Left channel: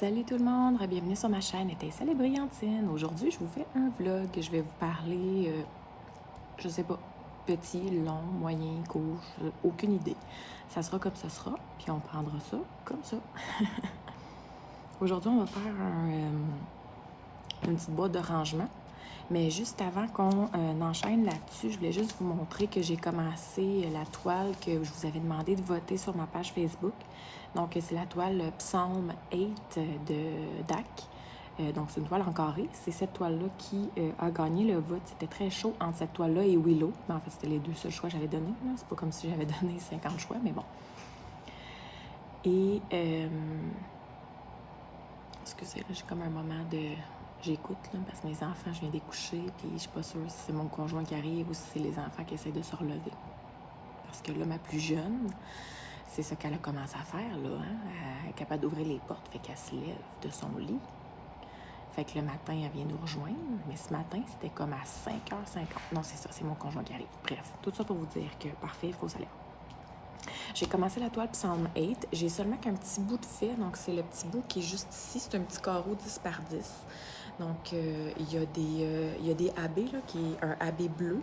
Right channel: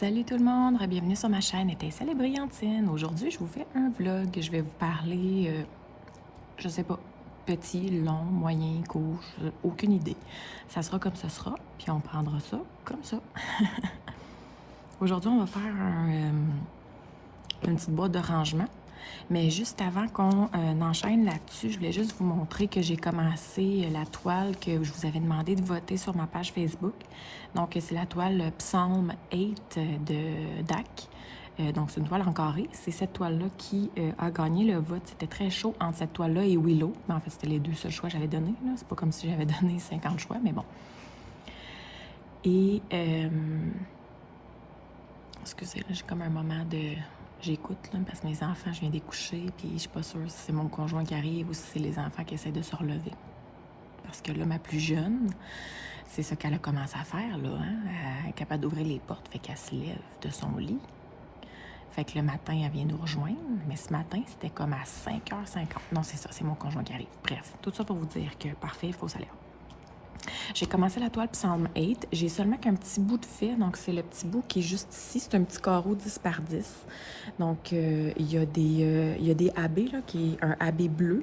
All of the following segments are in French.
Salut tout le monde, bienvenue sur ma chaîne Étincelle et Brillantine. Aujourd'hui, je vous fais un vlog. Je vais vous parler, je sais pas, petit, long, moyen, court, aucune idée. Ça sera comme ça sera, puis on prendra ça comme ça. Aujourd'hui, on va faire une petite boîte de rangement. Mais juste avant qu'on enchaîne là-dessus, je voulais juste vous montrer que j'ai commencé la toile que je vous avais demandé de voter sur ma page Facebook. Donc, c'est la toile Psalm 8 de DAC. Donc, c'est une toile en carré. C'est cette toile-là qui a gagné le vote. C'était très chaud entre cette toile-là et Willow. Mais en fait, c'était les deux seuls choix que j'avais donnés. C'est pas comme si j'avais donné 50 choix, mais bon. Et, excusez, j'ai comme un moment de... J'écoute, là, parce que mes enfants, je viens d'écoucher, puis je suis pas sûre si c'est mon conjoint qui arrive ou si c'est les enfants qui essaient de se relever. Parce que là, ma plus jeune, c'est ce qu'elle a commencé à faire, là, hein? Elle est capable d'ouvrir les portes, fait qu'elle se lève de son lit. Fait que le matin, elle vient nous rejoindre, mais ce matin, c'était comme à 5h50. Non, c'est ça, c'est mon conjoint qui arrive. Bref, tout ça pour vous dire que, parfait, il faut s'aller. J'ai commencé la toile Psalm 8. J'ai seulement qu'un petit bout de fait, donc c'est le petit bout qui est juste ici. C'est un petit carreau 10 par 10. Donc, il y a des AB, là, qui est un AB bleu.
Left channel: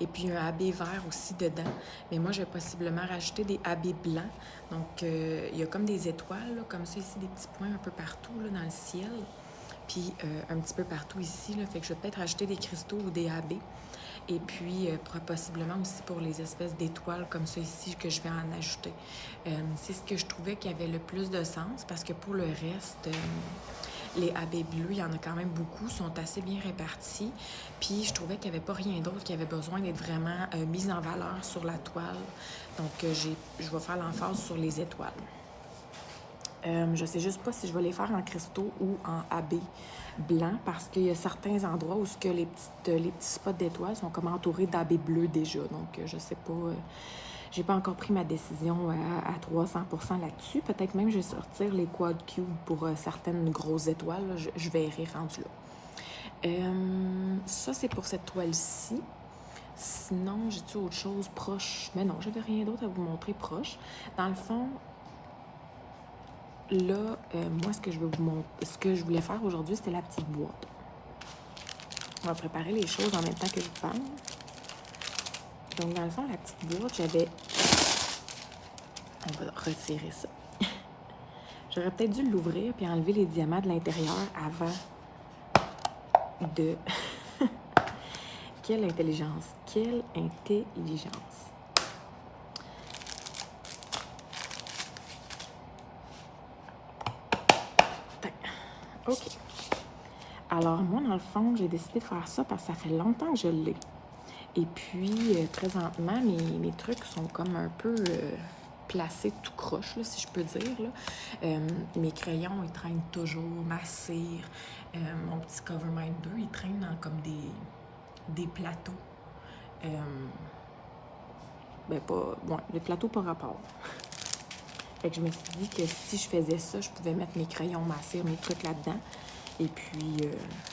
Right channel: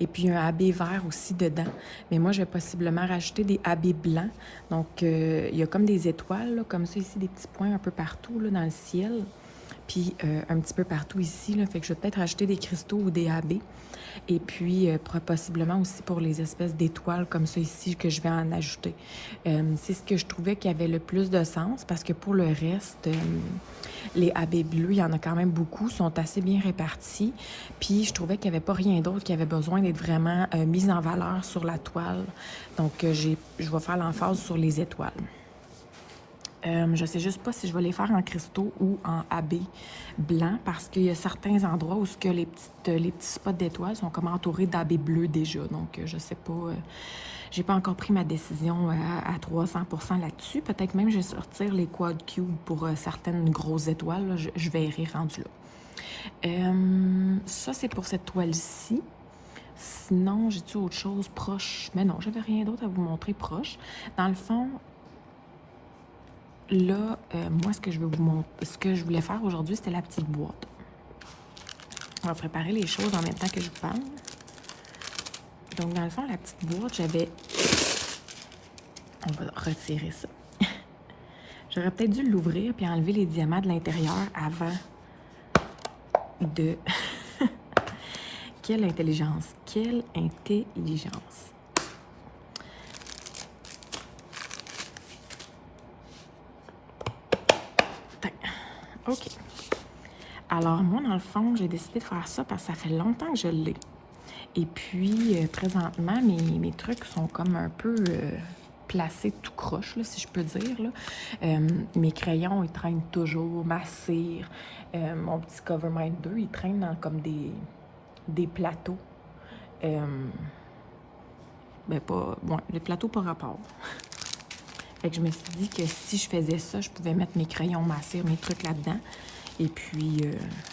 Et puis un AB vert aussi dedans. Mais moi, je vais possiblement rajouter des AB blancs. Donc, il y a comme des étoiles, là, comme ça ici, des petits points un peu partout là, dans le ciel. Puis un petit peu partout ici. Là, fait que je vais peut-être rajouter des cristaux ou des AB. Et puis, possiblement aussi pour les espèces d'étoiles comme ça ici que je vais en ajouter. C'est ce que je trouvais qui avait le plus de sens parce que pour le reste, les AB bleus, il y en a quand même beaucoup, sont assez bien répartis. Puis, je trouvais qu'il n'y avait pas rien d'autre qui avait besoin d'être vraiment mis en valeur sur la toile. Donc, je vais faire l'emphase sur les étoiles. Je sais juste pas si je vais les faire en cristaux ou en AB blanc parce qu'il y a certains endroits où les petits spots d'étoiles sont comme entourés d'AB bleu déjà. Donc, je sais pas, j'ai pas encore pris ma décision à 300% là-dessus. Peut-être même je vais sortir les quad cubes pour certaines grosses étoiles. Là, je verrai rendu là. Ça, c'est pour cette toile-ci. Sinon, j'ai-tu autre chose proche? Mais non, j'avais rien d'autre à vous montrer proche. Dans le fond, là, moi, ce que je voulais faire aujourd'hui, c'était la petite boîte. On va préparer les choses en même temps que je vous parle. Donc, dans le fond, la petite boîte, j'avais... On va retirer ça. J'aurais peut-être dû l'ouvrir puis enlever les diamants de l'intérieur avant de... Quelle intelligence! Quelle intelligence! OK. Alors, moi, dans le fond, j'ai décidé de faire ça parce que ça fait longtemps que je l'ai. Et puis, présentement, mes trucs sont comme un peu placés tout croche, là, si je peux dire. Là. Mes crayons, ils traînent toujours, ma cire. Mon petit Covermind 2, il traîne dans comme des plateaux. Mais pas... Bon, les plateaux par rapport. Fait que je me suis dit que si je faisais ça, je pouvais mettre mes crayons, ma cire, mes trucs là-dedans. Et puis,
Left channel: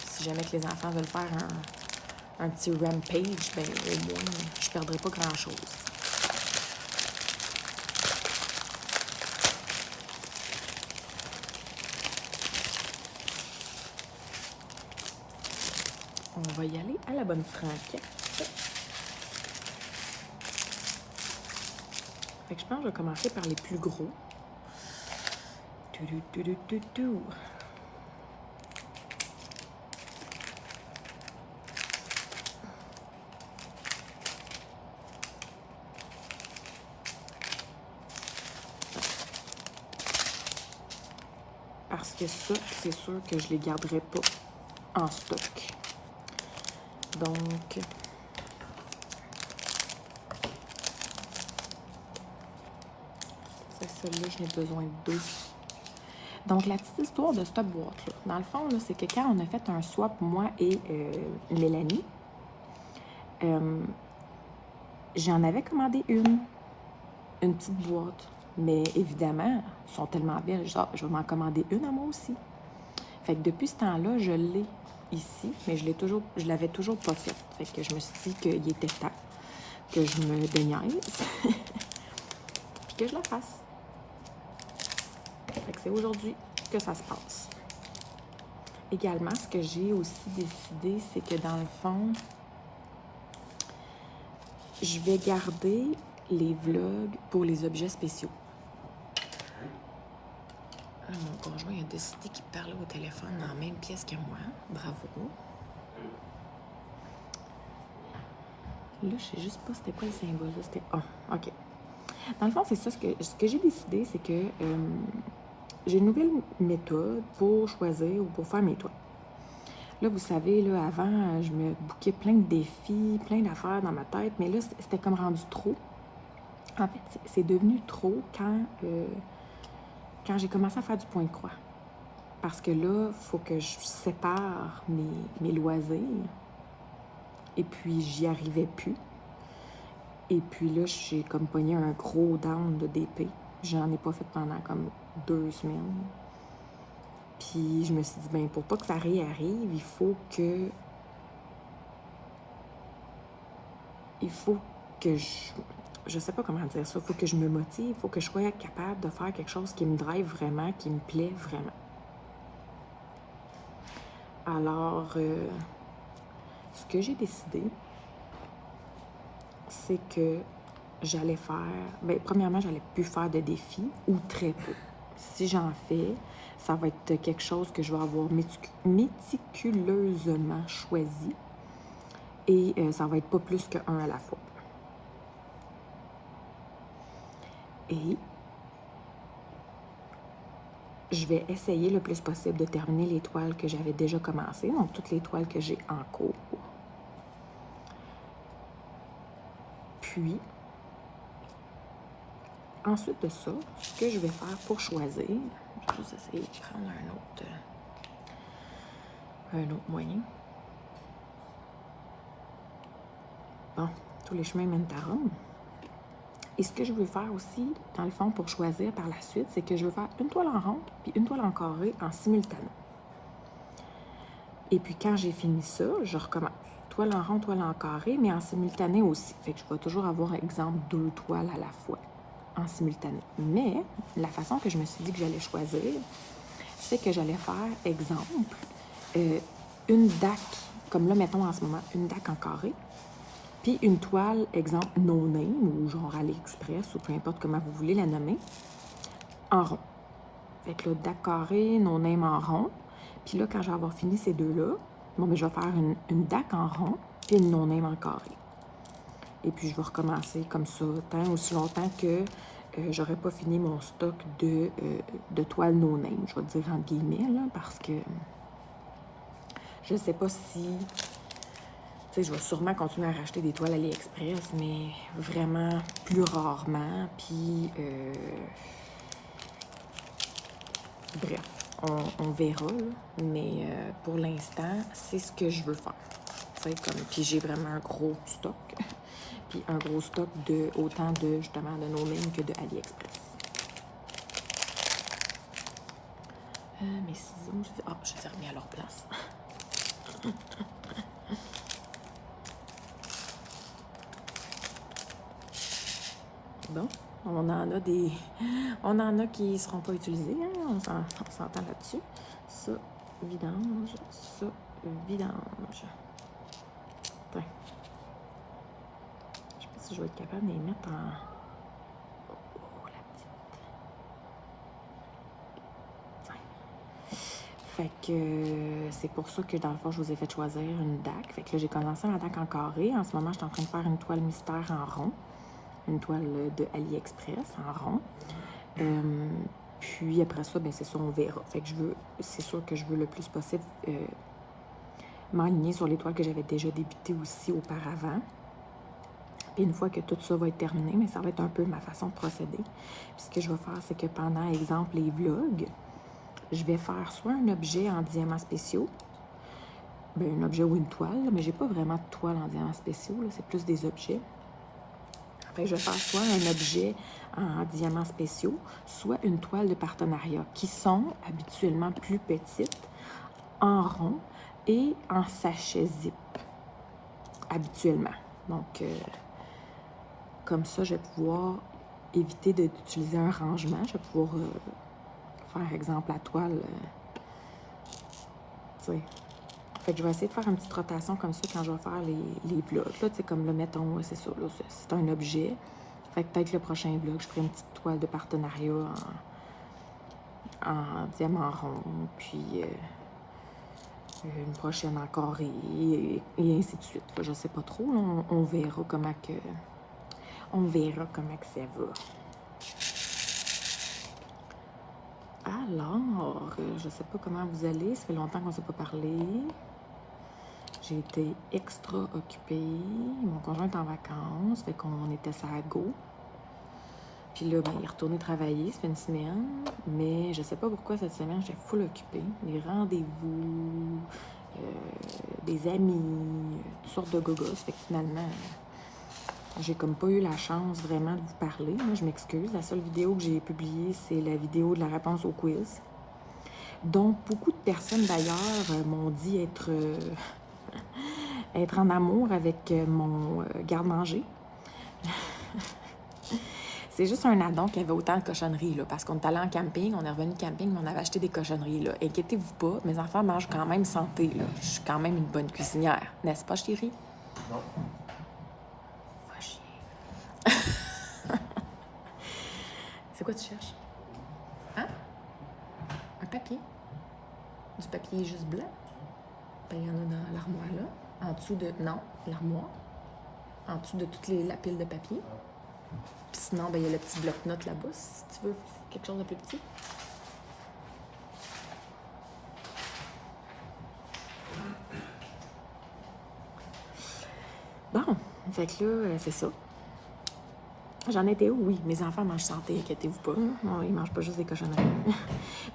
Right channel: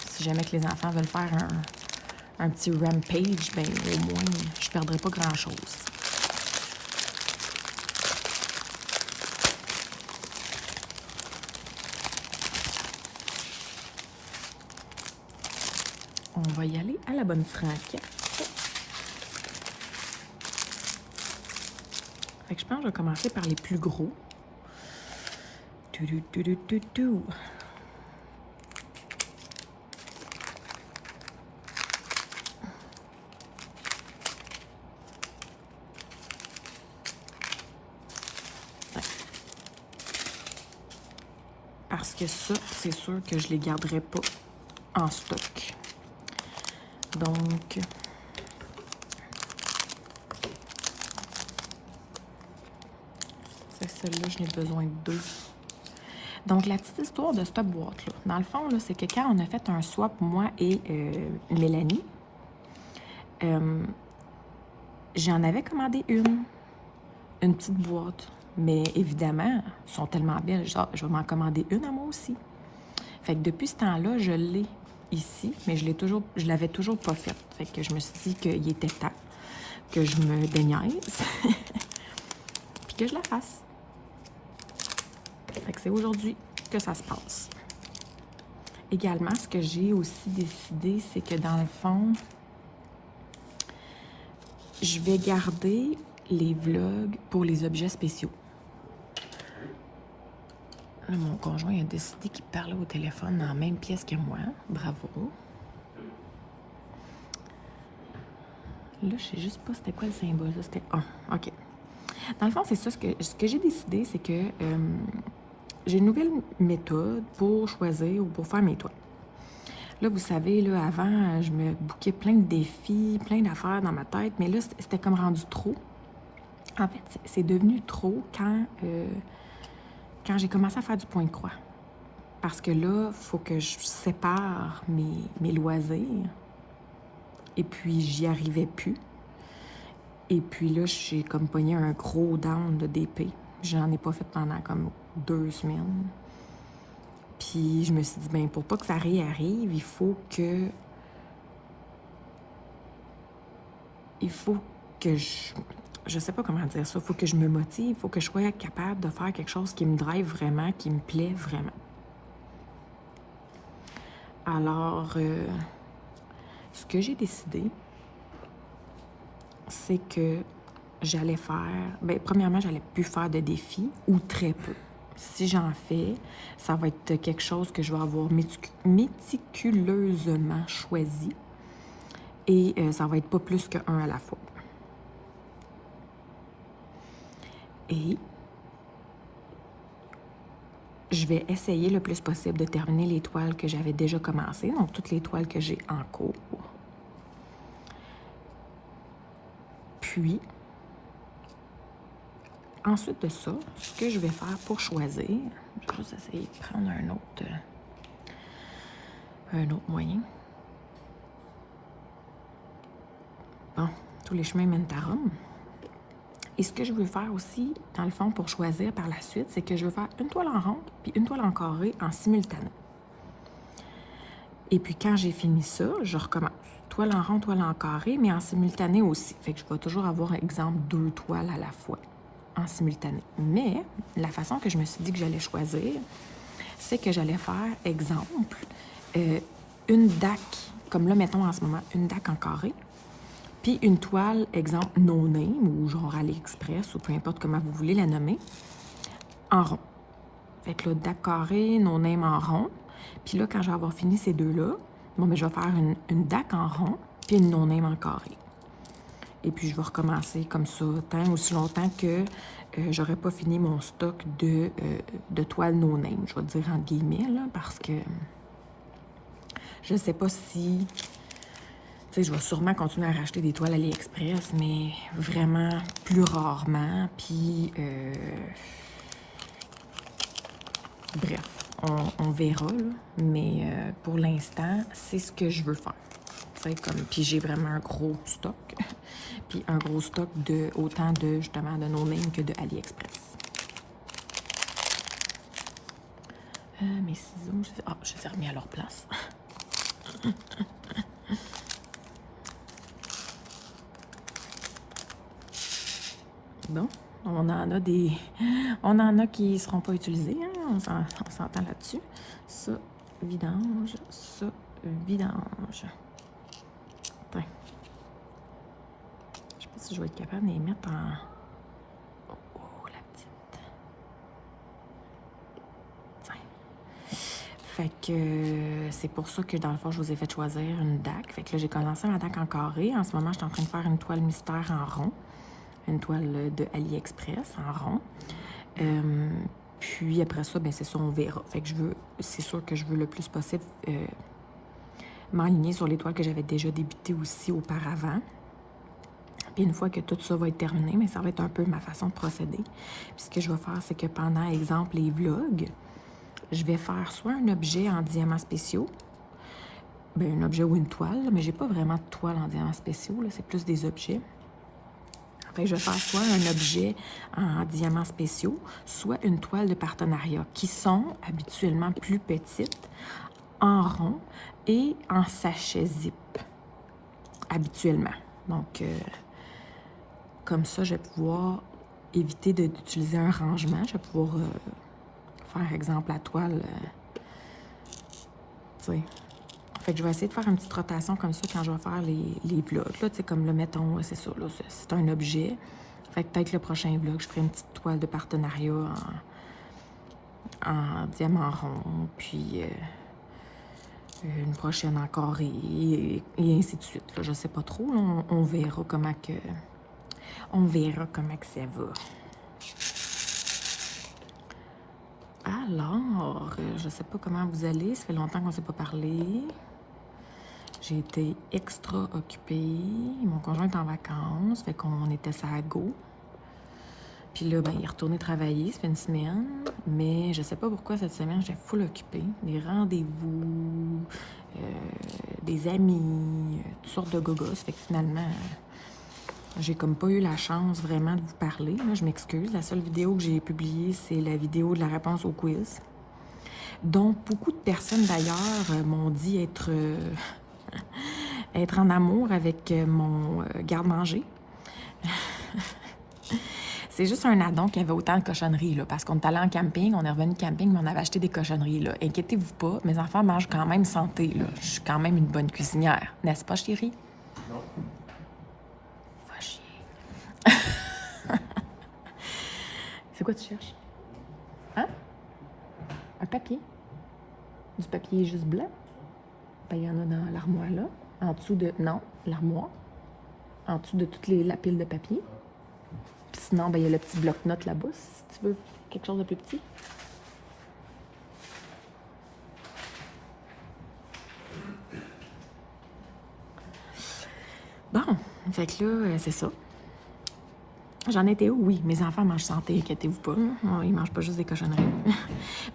si jamais que les enfants veulent faire un petit rampage, ben au moins, je ne perdrai pas grand-chose. On va y aller à la bonne franquette. Fait que je pense que je vais commencer par les plus gros. Parce que ça, c'est sûr que je ne les garderai pas en stock. Donc, c'est celle-là, je n'ai besoin de 2. Donc, la petite histoire de cette boîte-là, dans le fond, c'est que quand on a fait un swap, moi et Mélanie, j'en avais commandé une petite boîte. Mais évidemment, elles sont tellement belles, je vais m'en commander une à moi aussi. Fait que depuis ce temps-là, je l'ai ici, mais je l'avais toujours pas fait. Fait que je me suis dit qu'il était temps que je me déniaise, puis que je la fasse. Fait que c'est aujourd'hui que ça se passe. Également, ce que j'ai aussi décidé, c'est que dans le fond, je vais garder les vlogs pour les objets spéciaux. Là, mon conjoint a décidé qu'il parlait au téléphone dans la même pièce que moi. Bravo. Là, je sais juste pas c'était quoi le symbole. C'était A. OK. Dans le fond, c'est ça. Ce que j'ai décidé, c'est que j'ai une nouvelle méthode pour choisir ou pour faire mes toiles. Là, vous savez, là, avant, je me bouquais plein de défis, plein d'affaires dans ma tête, mais là, c'était comme rendu trop. En fait, c'est devenu trop quand j'ai commencé à faire du point de croix. Parce que là, il faut que je sépare mes loisirs. Et puis, j'y arrivais plus. Et puis là, j'ai comme pogné un gros down d'épée. J'en ai pas fait pendant comme 2 semaines. Puis je me suis dit, ben pour pas que ça réarrive, il faut que je sais pas comment dire ça, il faut que je me motive, il faut que je sois capable de faire quelque chose qui me drive vraiment, qui me plaît vraiment. Alors, ce que j'ai décidé, c'est que j'allais faire, bien, premièrement, j'allais plus faire de défis ou très peu. Si j'en fais, ça va être quelque chose que je vais avoir méticuleusement choisi et ça va être pas plus qu'un à la fois. Et je vais essayer le plus possible de terminer les toiles que j'avais déjà commencées, donc toutes les toiles que j'ai en cours. Puis, ensuite de ça, ce que je vais faire pour choisir, je vais juste essayer de prendre un autre moyen. Bon, tous les chemins mènent à Rome. Et ce que je veux faire aussi, dans le fond, pour choisir par la suite, c'est que je veux faire une toile en rond puis une toile en carré en simultané. Et puis quand j'ai fini ça, je recommence. Toile en rond, toile en carré, mais en simultané aussi. Fait que je vais toujours avoir, exemple, 2 toiles à la fois en simultané. Mais la façon que je me suis dit que j'allais choisir, c'est que j'allais faire, exemple, une DAC, comme là, mettons en ce moment, une DAC en carré, puis une toile, exemple, no name, ou genre AliExpress, ou peu importe comment vous voulez la nommer, en rond. Fait que là, DAC carré, no name en rond. Puis là, quand je vais avoir fini ces deux-là, bon, ben, je vais faire une DAC en rond, puis une no name en carré. Et puis, je vais recommencer comme ça, tant aussi longtemps que j'aurai pas fini mon stock de toiles no name. Je vais dire entre guillemets, là, parce que je sais pas si... Tu sais, je vais sûrement continuer à racheter des toiles AliExpress, mais vraiment plus rarement. Puis, bref, on verra, là. Mais pour l'instant, c'est ce que je veux faire. Puis j'ai vraiment un gros stock. Puis un gros stock de autant de, justement, de no name que de AliExpress. Mes ciseaux, je les ai remis à leur place. Bon, on en a qui seront pas utilisés, hein? On s'entend là-dessus. Ça, vidange, ça, vidange. Ouais. Je sais pas si je vais être capable de les mettre en... Oh, la petite. Fait que c'est pour ça que dans le fond, je vous ai fait choisir une DAC. Fait que là, j'ai commencé ma DAC en carré. En ce moment, je suis en train de faire une toile mystère en rond. Une toile de AliExpress en rond. Puis après ça, ben c'est ça, on verra. Fait que c'est sûr que je veux le plus possible m'aligner sur les toiles que j'avais déjà débutées aussi auparavant. Puis une fois que tout ça va être terminé, mais ça va être un peu ma façon de procéder. Puis ce que je vais faire, c'est que pendant, exemple, les vlogs, je vais faire soit un objet en diamants spéciaux, ben un objet ou une toile, mais j'ai pas vraiment de toile en diamants spéciaux, c'est plus des objets. Fait que je vais faire soit un objet en diamants spéciaux, soit une toile de partenariat, qui sont habituellement plus petites, en rond et en sachet zip, habituellement. Donc, comme ça, je vais pouvoir éviter d'utiliser un rangement. Je vais pouvoir faire exemple la toile. Tu sais. Fait que je vais essayer de faire une petite rotation comme ça quand je vais faire les vlogs. Là, tu sais, comme le mettons, c'est ça, là, c'est un objet. Fait que peut-être le prochain vlog, je ferai une petite toile de partenariat en diamant rond, puis une prochaine encore, et ainsi de suite. Là, je sais pas trop, on verra comment que... On verra comment que ça va. Alors, je sais pas comment vous allez, ça fait longtemps qu'on ne s'est pas parlé. J'ai été extra occupée. Mon conjoint est en vacances, fait qu'on était ça à go. Puis là, ben, il est retourné travailler, ça fait une semaine. Mais je sais pas pourquoi cette semaine, j'étais full occupée. Des rendez-vous, des amis, toutes sortes de gogos. Fait que finalement, j'ai comme pas eu la chance vraiment de vous parler. Moi, je m'excuse. La seule vidéo que j'ai publiée, c'est la vidéo de la réponse au quiz. Donc, beaucoup de personnes d'ailleurs m'ont dit être en amour avec mon garde-manger. C'est juste un addon qui avait autant de cochonneries, là, parce qu'on est allé en camping, on est revenu de camping, mais on avait acheté des cochonneries, là. Inquiétez-vous pas, mes enfants mangent quand même santé, là. Je suis quand même une bonne cuisinière, n'est-ce pas, chérie? Non. Va chier. C'est quoi tu cherches? Hein? Un papier? Du papier juste blanc? Ben, il y en a dans l'armoire, là. En dessous de... Non, l'armoire. En dessous de toute la pile de papier. Puis sinon, ben, il y a le petit bloc-notes là-bas, si tu veux quelque chose de plus petit. Bon, fait que là, c'est ça. J'en étais où? Oui, mes enfants mangent santé, inquiétez-vous pas. Non, ils mangent pas juste des cochonneries.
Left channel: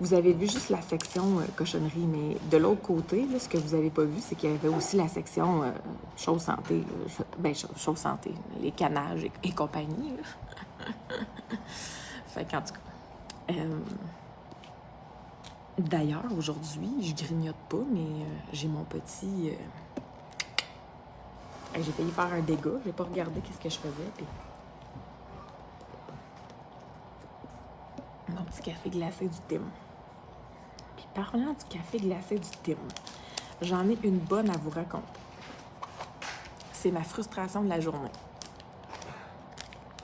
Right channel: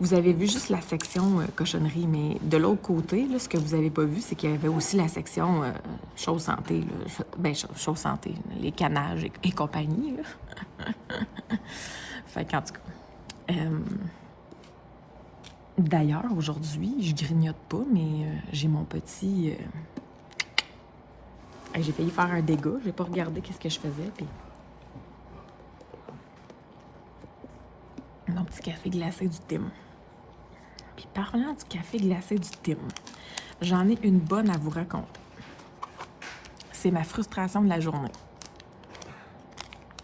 Vous avez vu juste la section cochonnerie, mais de l'autre côté, là, ce que vous avez pas vu, c'est qu'il y avait aussi la section choses santé. Là. Ben, choses santé, les canages et compagnie. Fait qu'en tout cas... D'ailleurs, aujourd'hui, je grignote pas, mais j'ai mon petit... J'ai failli faire un dégât, j'ai pas regardé qu'est-ce que je faisais, puis... Mon petit café glacé du thym. Puis parlant du café glacé du thym, j'en ai une bonne à vous raconter. C'est ma frustration de la journée.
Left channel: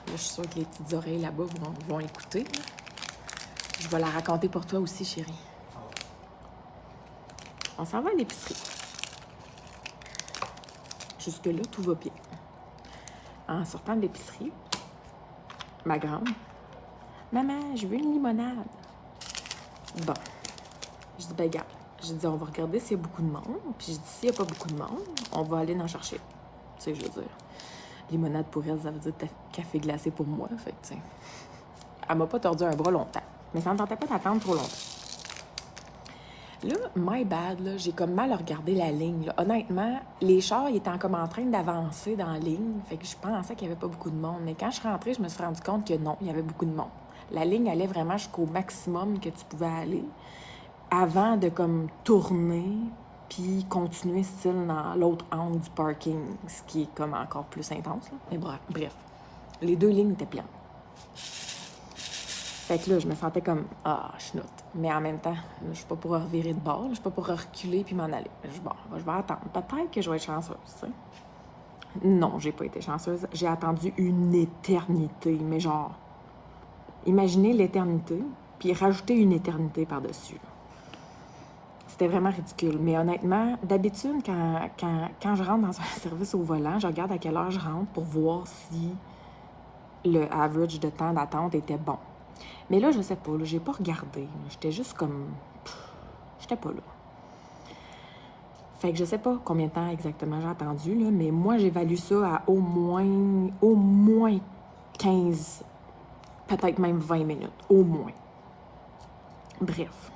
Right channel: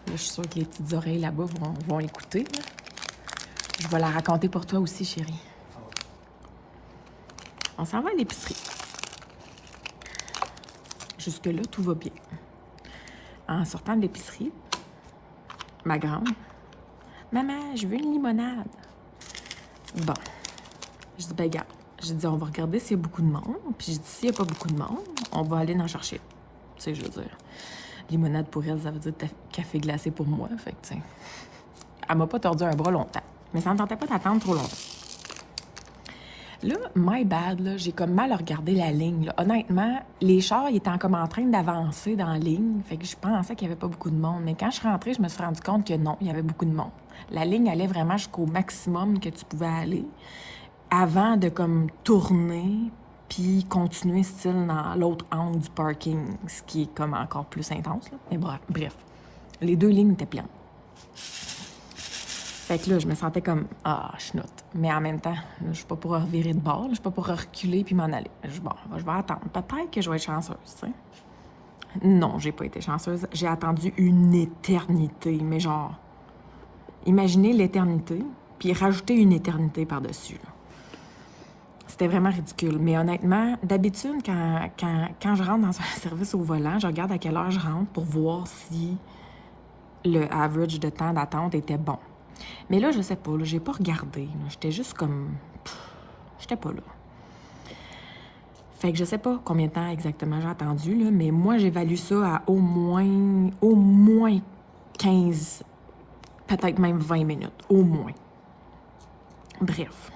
Là, je suis sûre que les petites oreilles là-bas vont écouter. Là. Je vais la raconter pour toi aussi, chérie. On s'en va à l'épicerie. Jusque-là, tout va bien. En sortant de l'épicerie, ma grande, « Maman, je veux une limonade. » Bon. Je dis, ben regarde. Je dis, on va regarder s'il y a beaucoup de monde. Puis je dis, s'il n'y a pas beaucoup de monde, on va aller en chercher. Tu sais, je veux dire, limonade pour elle, ça veut dire café glacé pour moi. Fait que, tu sais, elle m'a pas tordu un bras longtemps. Mais ça ne tentait pas d'attendre trop longtemps. Là, my bad, là, j'ai comme mal regardé la ligne. Là. Honnêtement, les chars, ils étaient comme en train d'avancer dans la ligne. Fait que je pensais qu'il n'y avait pas beaucoup de monde. Mais quand je suis rentrée, je me suis rendu compte que non, il y avait beaucoup de monde. La ligne allait vraiment jusqu'au maximum que tu pouvais aller avant de comme tourner puis continuer style dans l'autre angle du parking, ce qui est comme encore plus intense. Là. Mais bref, les deux lignes étaient pleines. Fait que là, je me sentais comme « Ah, je note. » Mais en même temps, je suis pas pour revirer de bord, je suis pas pour reculer puis m'en aller. Bon, je vais attendre. Peut-être que je vais être chanceuse, tu sais. Non, j'ai pas été chanceuse. J'ai attendu une éternité, mais genre... Imaginez l'éternité, puis rajouter une éternité par-dessus. C'était vraiment ridicule. Mais honnêtement, d'habitude, quand je rentre dans un service au volant, je regarde à quelle heure je rentre pour voir si le average de temps d'attente était bon. Mais là, je sais pas, j'ai pas regardé. J'étais juste comme... J'étais pas là. Fait que je sais pas combien de temps exactement j'ai attendu, là, mais moi, j'évalue ça à au moins 15, peut-être même 20 minutes. Au moins. Bref.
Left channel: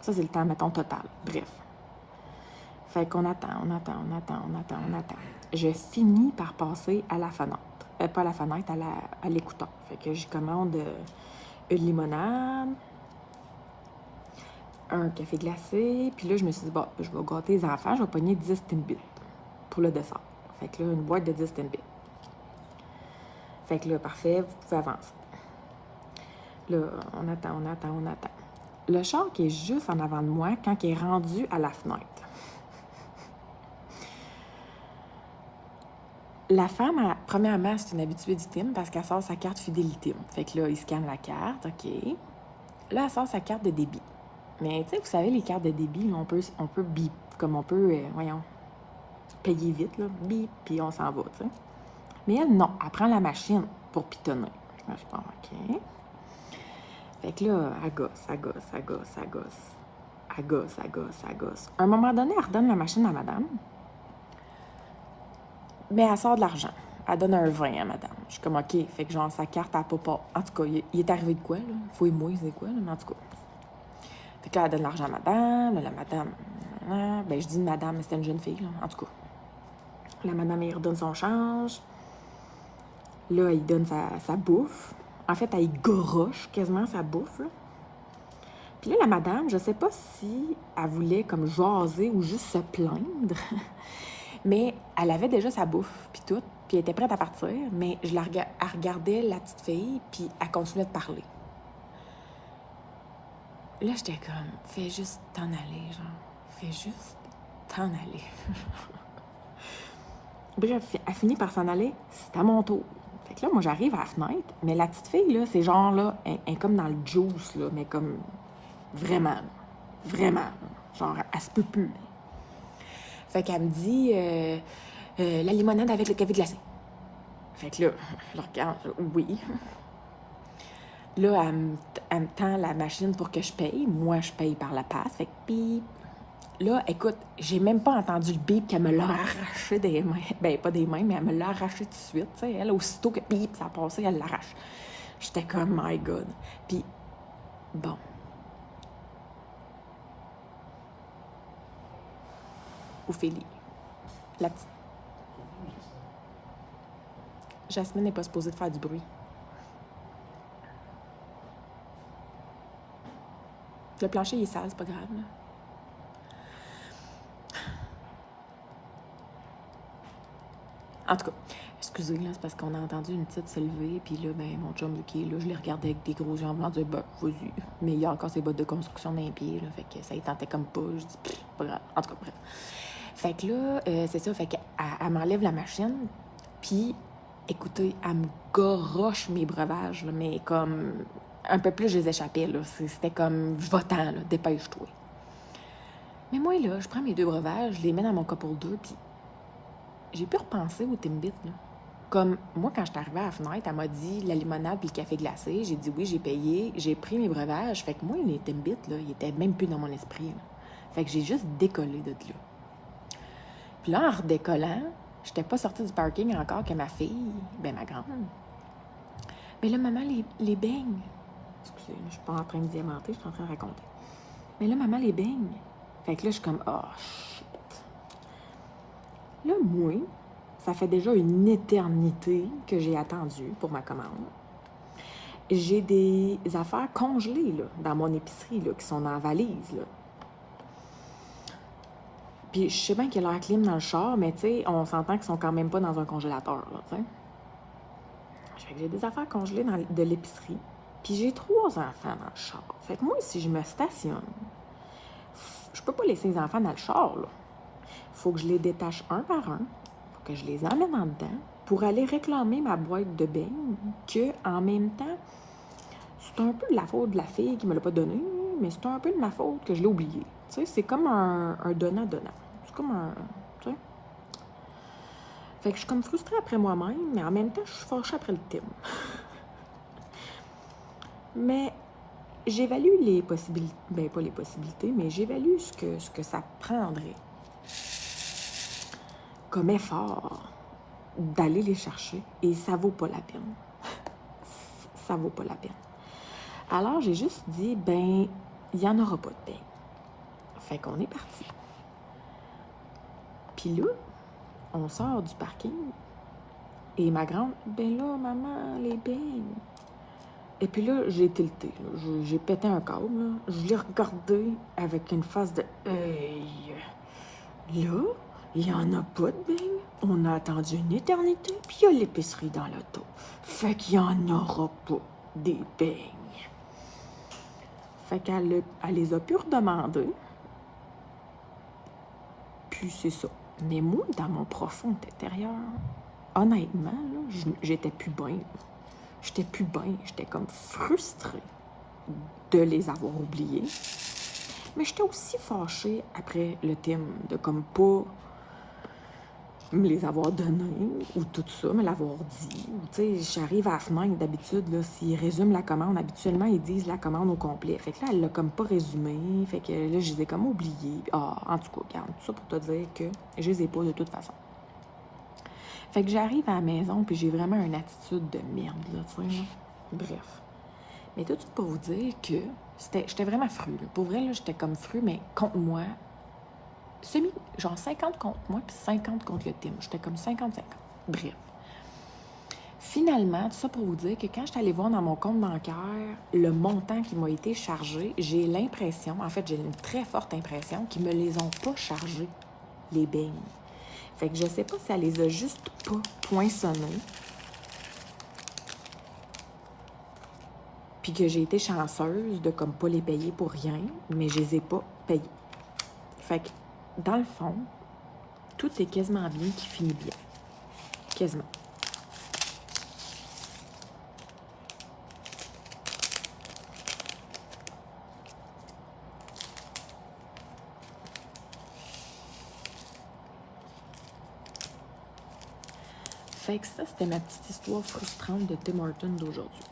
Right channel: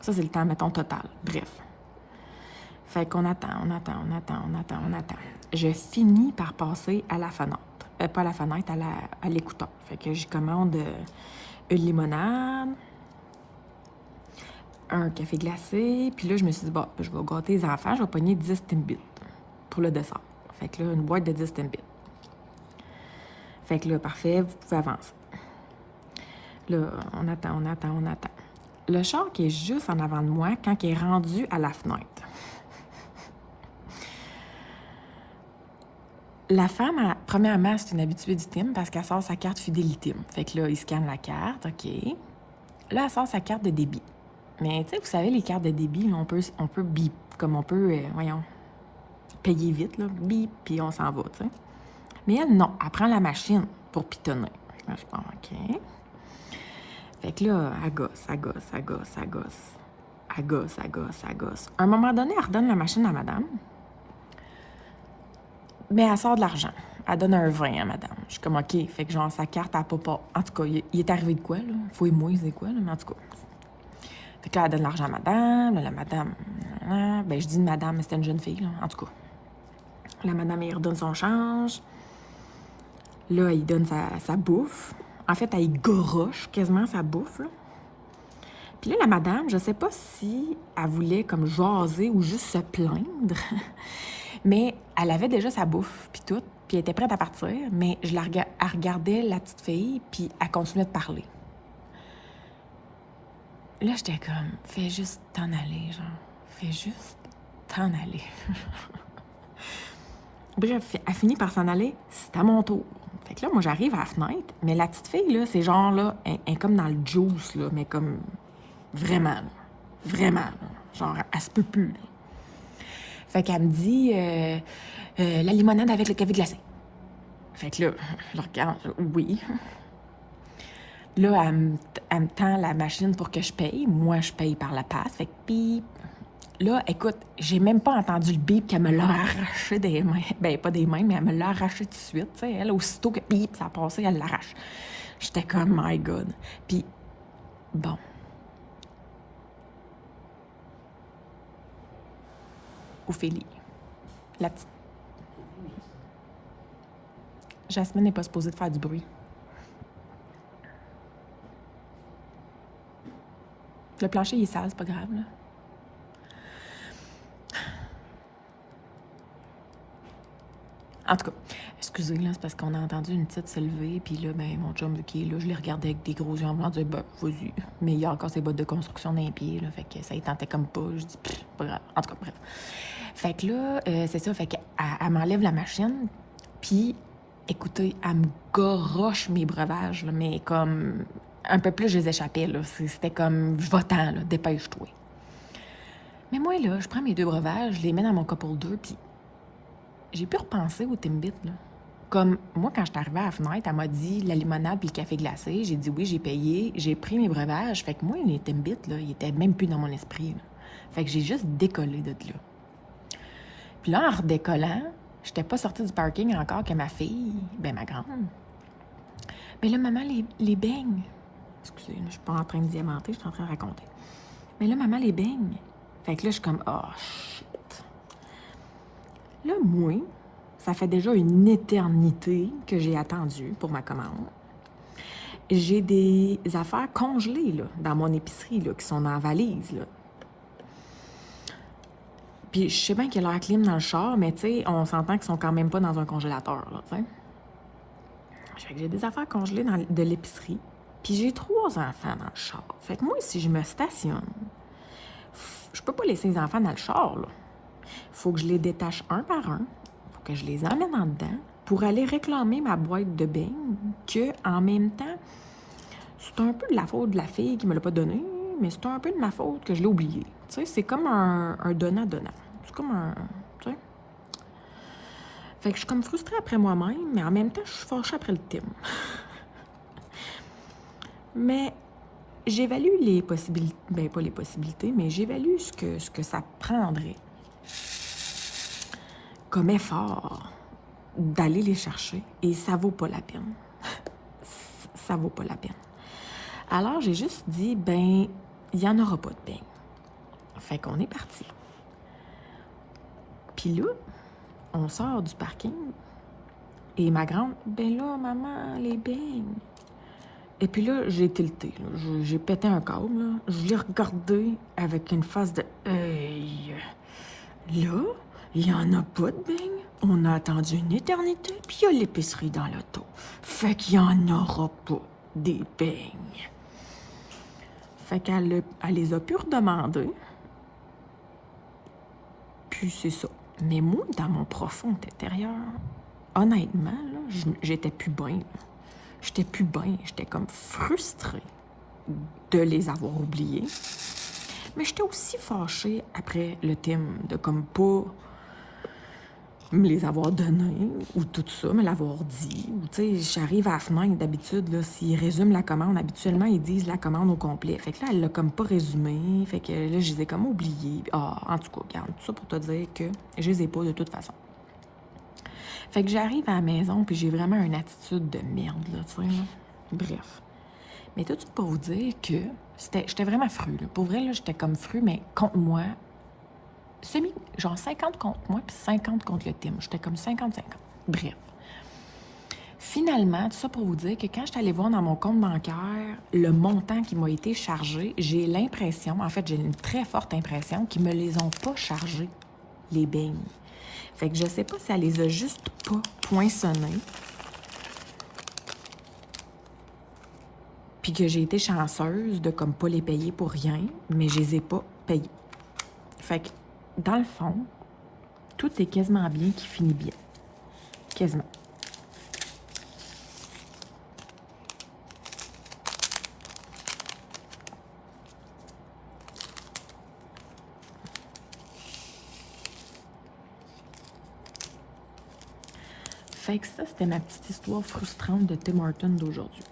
Ça, c'est le temps, mettons, total. Bref. Fait qu'on attend. Je finis par passer à la fenêtre. Pas à la fenêtre, à l'écouteur. Fait que je commande une limonade, un café glacé, puis là, je me suis dit, bon, je vais gâter les enfants, je vais pogner 10 Timbits pour le dessert. Fait que là, une boîte de 10 Timbits. Fait que là, parfait, vous pouvez avancer. Là, on attend. le char qui est juste en avant de moi quand il est rendu à la fenêtre. La femme, premièrement, c'est une habituée du TIM parce qu'elle sort sa carte fidélité. Fait que là, il scanne la carte, OK. Là, elle sort sa carte de débit. Mais, tu sais, vous savez, les cartes de débit, là, on peut bip, comme on peut, voyons, payer vite, là, bip, puis on s'en va, tu sais. Mais elle, non, elle prend la machine pour pitonner. Là, je pense, OK. Fait que là, elle gosse, elle gosse, elle gosse, elle gosse. Elle gosse, elle gosse, elle gosse. À un moment donné, elle redonne la machine à madame. Mais elle sort de l'argent. Elle donne un 20 à madame. Je suis comme, OK. Fait que genre, sa carte, elle pas. En tout cas, il est arrivé de quoi, là? Fouille-moi, c'est quoi, là? Mais en tout cas. Fait que là, elle donne l'argent à madame. La madame. Ben, je dis madame, mais c'était une jeune fille, là. En tout cas. La madame, elle redonne son change. Là, il donne sa bouffe. En fait, elle goroche quasiment sa bouffe, là. Puis là, la madame, je sais pas si elle voulait comme jaser ou juste se plaindre, mais elle avait déjà sa bouffe, puis tout, puis elle était prête à partir, mais elle regardait la petite fille, puis elle continuait de parler. Là, j'étais comme, fais juste t'en aller, genre. Fais juste t'en aller. Bref, elle finit par s'en aller, c'est à mon tour. Fait que là, moi, j'arrive à la fenêtre, mais la petite fille, là, c'est genre, là, elle est comme dans le juice, là, mais comme vraiment, vraiment. Genre, elle se peut plus, là. Fait qu'elle me dit la limonade avec le café glacé. Fait que là, je regarde, oui. Là, elle me tend la machine pour que je paye. Moi, je paye par la passe. Fait que bip. Là, écoute, j'ai même pas entendu le bip qu'elle me l'a arraché des mains. Ben, pas des mains, mais elle me l'a arraché tout de suite. T'sais. Elle, aussitôt que bip, ça a passé, elle l'arrache. J'étais comme, my God. Puis, bon. Ophélie, la petite. Jasmine n'est pas supposée de faire du bruit. Le plancher, il est sale, c'est pas grave, là. En tout cas, excusez, là, c'est parce qu'on a entendu une petite se lever, puis là, ben, mon chum qui est là, je l'ai regardé avec des gros yeux en moi, disait, ben, vas-y. Mais il y a encore ses bottes de construction dans les pieds, là, fait que ça y tentait comme pas. Je dis, pff, pas grave. En tout cas, bref. Fait que là, c'est ça, fait qu'elle m'enlève la machine, puis, écoutez, elle me goroche mes breuvages, là, mais comme un peu plus, je les échappais, là. C'était comme, va-t'en, là, dépêche-toi. Mais moi, là, je prends mes 2 breuvages, je les mets dans mon copeau 2, puis j'ai pu repenser au Timbit, là. Comme moi, quand je suis arrivée à la fenêtre, elle m'a dit la limonade puis le café glacé. J'ai dit oui, j'ai payé, j'ai pris mes breuvages. Fait que moi, les Timbits, là, ils étaient même plus dans mon esprit, là. Fait que j'ai juste décollé de là. Puis là, en redécollant, j'étais pas sortie du parking encore que ma fille, ben ma grande. Mais là, maman, les beignes. Excusez, je suis pas en train de diamanter, je suis en train de raconter. Mais là, maman, les beignes. Fait que là, je suis comme, oh, shit. Là, moi, ça fait déjà une éternité que j'ai attendu pour ma commande. J'ai des affaires congelées là, dans mon épicerie là, qui sont dans la valise. Là. Puis je sais bien qu'il y a l'air clim dans le char, mais tu sais, on s'entend qu'ils sont quand même pas dans un congélateur. Là, t'sais. Fait que j'ai des affaires congelées de l'épicerie. Puis j'ai 3 enfants dans le char. Fait que moi, si je me stationne, je peux pas laisser les enfants dans le char. Là. Faut que je les détache un par un. Faut que je les emmène en dedans pour aller réclamer ma boîte de beignes que, en même temps, c'est un peu de la faute de la fille qui me l'a pas donné, mais c'est un peu de ma faute que je l'ai oublié. Tu sais, c'est comme un donnant-donnant. C'est comme un... Tu sais? Fait que je suis comme frustrée après moi-même, mais en même temps, je suis fâchée après le thème. Mais j'évalue les possibilités... Ben, pas les possibilités, mais j'évalue ce que ça prendrait comme effort d'aller les chercher, et ça vaut pas la peine. Ça vaut pas la peine. Alors, j'ai juste dit, ben, il n'y en aura pas de beignes. Fait qu'on est parti. Puis là, on sort du parking et ma grande, ben là, maman, les beignes. Et puis là, j'ai tilté. J'ai pété un câble. Là. Je l'ai regardé avec une face de hey. Là, il n'y en a pas de beignes. On a attendu une éternité, puis il y a l'épicerie dans l'auto. Fait qu'il n'y en aura pas des beignes. Fait elle les a pu redemander. Puis c'est ça. Mais moi, dans mon profond intérieur, honnêtement, j'étais plus bien. J'étais plus bien. J'étais comme frustrée de les avoir oubliés. Mais j'étais aussi fâchée après le thème de comme pas me les avoir donnés ou tout ça, me l'avoir dit. Ou tu sais, j'arrive à la fenêtre d'habitude, là, s'ils résument la commande, habituellement, ils disent la commande au complet. Fait que là, elle l'a comme pas résumé. Fait que là, je les ai comme oubliés. Ah, en tout cas, regarde, tout ça pour te dire que je les ai pas de toute façon. Fait que j'arrive à la maison, puis j'ai vraiment une attitude de merde, là, tu sais. Bref. Mais tout ça pour vous dire que j'étais vraiment fru, là. Pour vrai, là, j'étais comme fru, mais contre moi, genre 50 contre moi, puis 50 contre le team. J'étais comme 50-50. Bref. Finalement, tout ça pour vous dire que quand je suis allée voir dans mon compte bancaire le montant qui m'a été chargé, j'ai l'impression, en fait, j'ai une très forte impression qu'ils me les ont pas chargés, les beignes. Fait que je sais pas si elle les a juste pas poinçonnés, puis que j'ai été chanceuse de comme pas les payer pour rien, mais je les ai pas payés. Fait que, dans le fond, tout est quasiment bien qui finit bien. Quasiment. Fait que ça, c'était ma petite histoire frustrante de Tim Hortons d'aujourd'hui.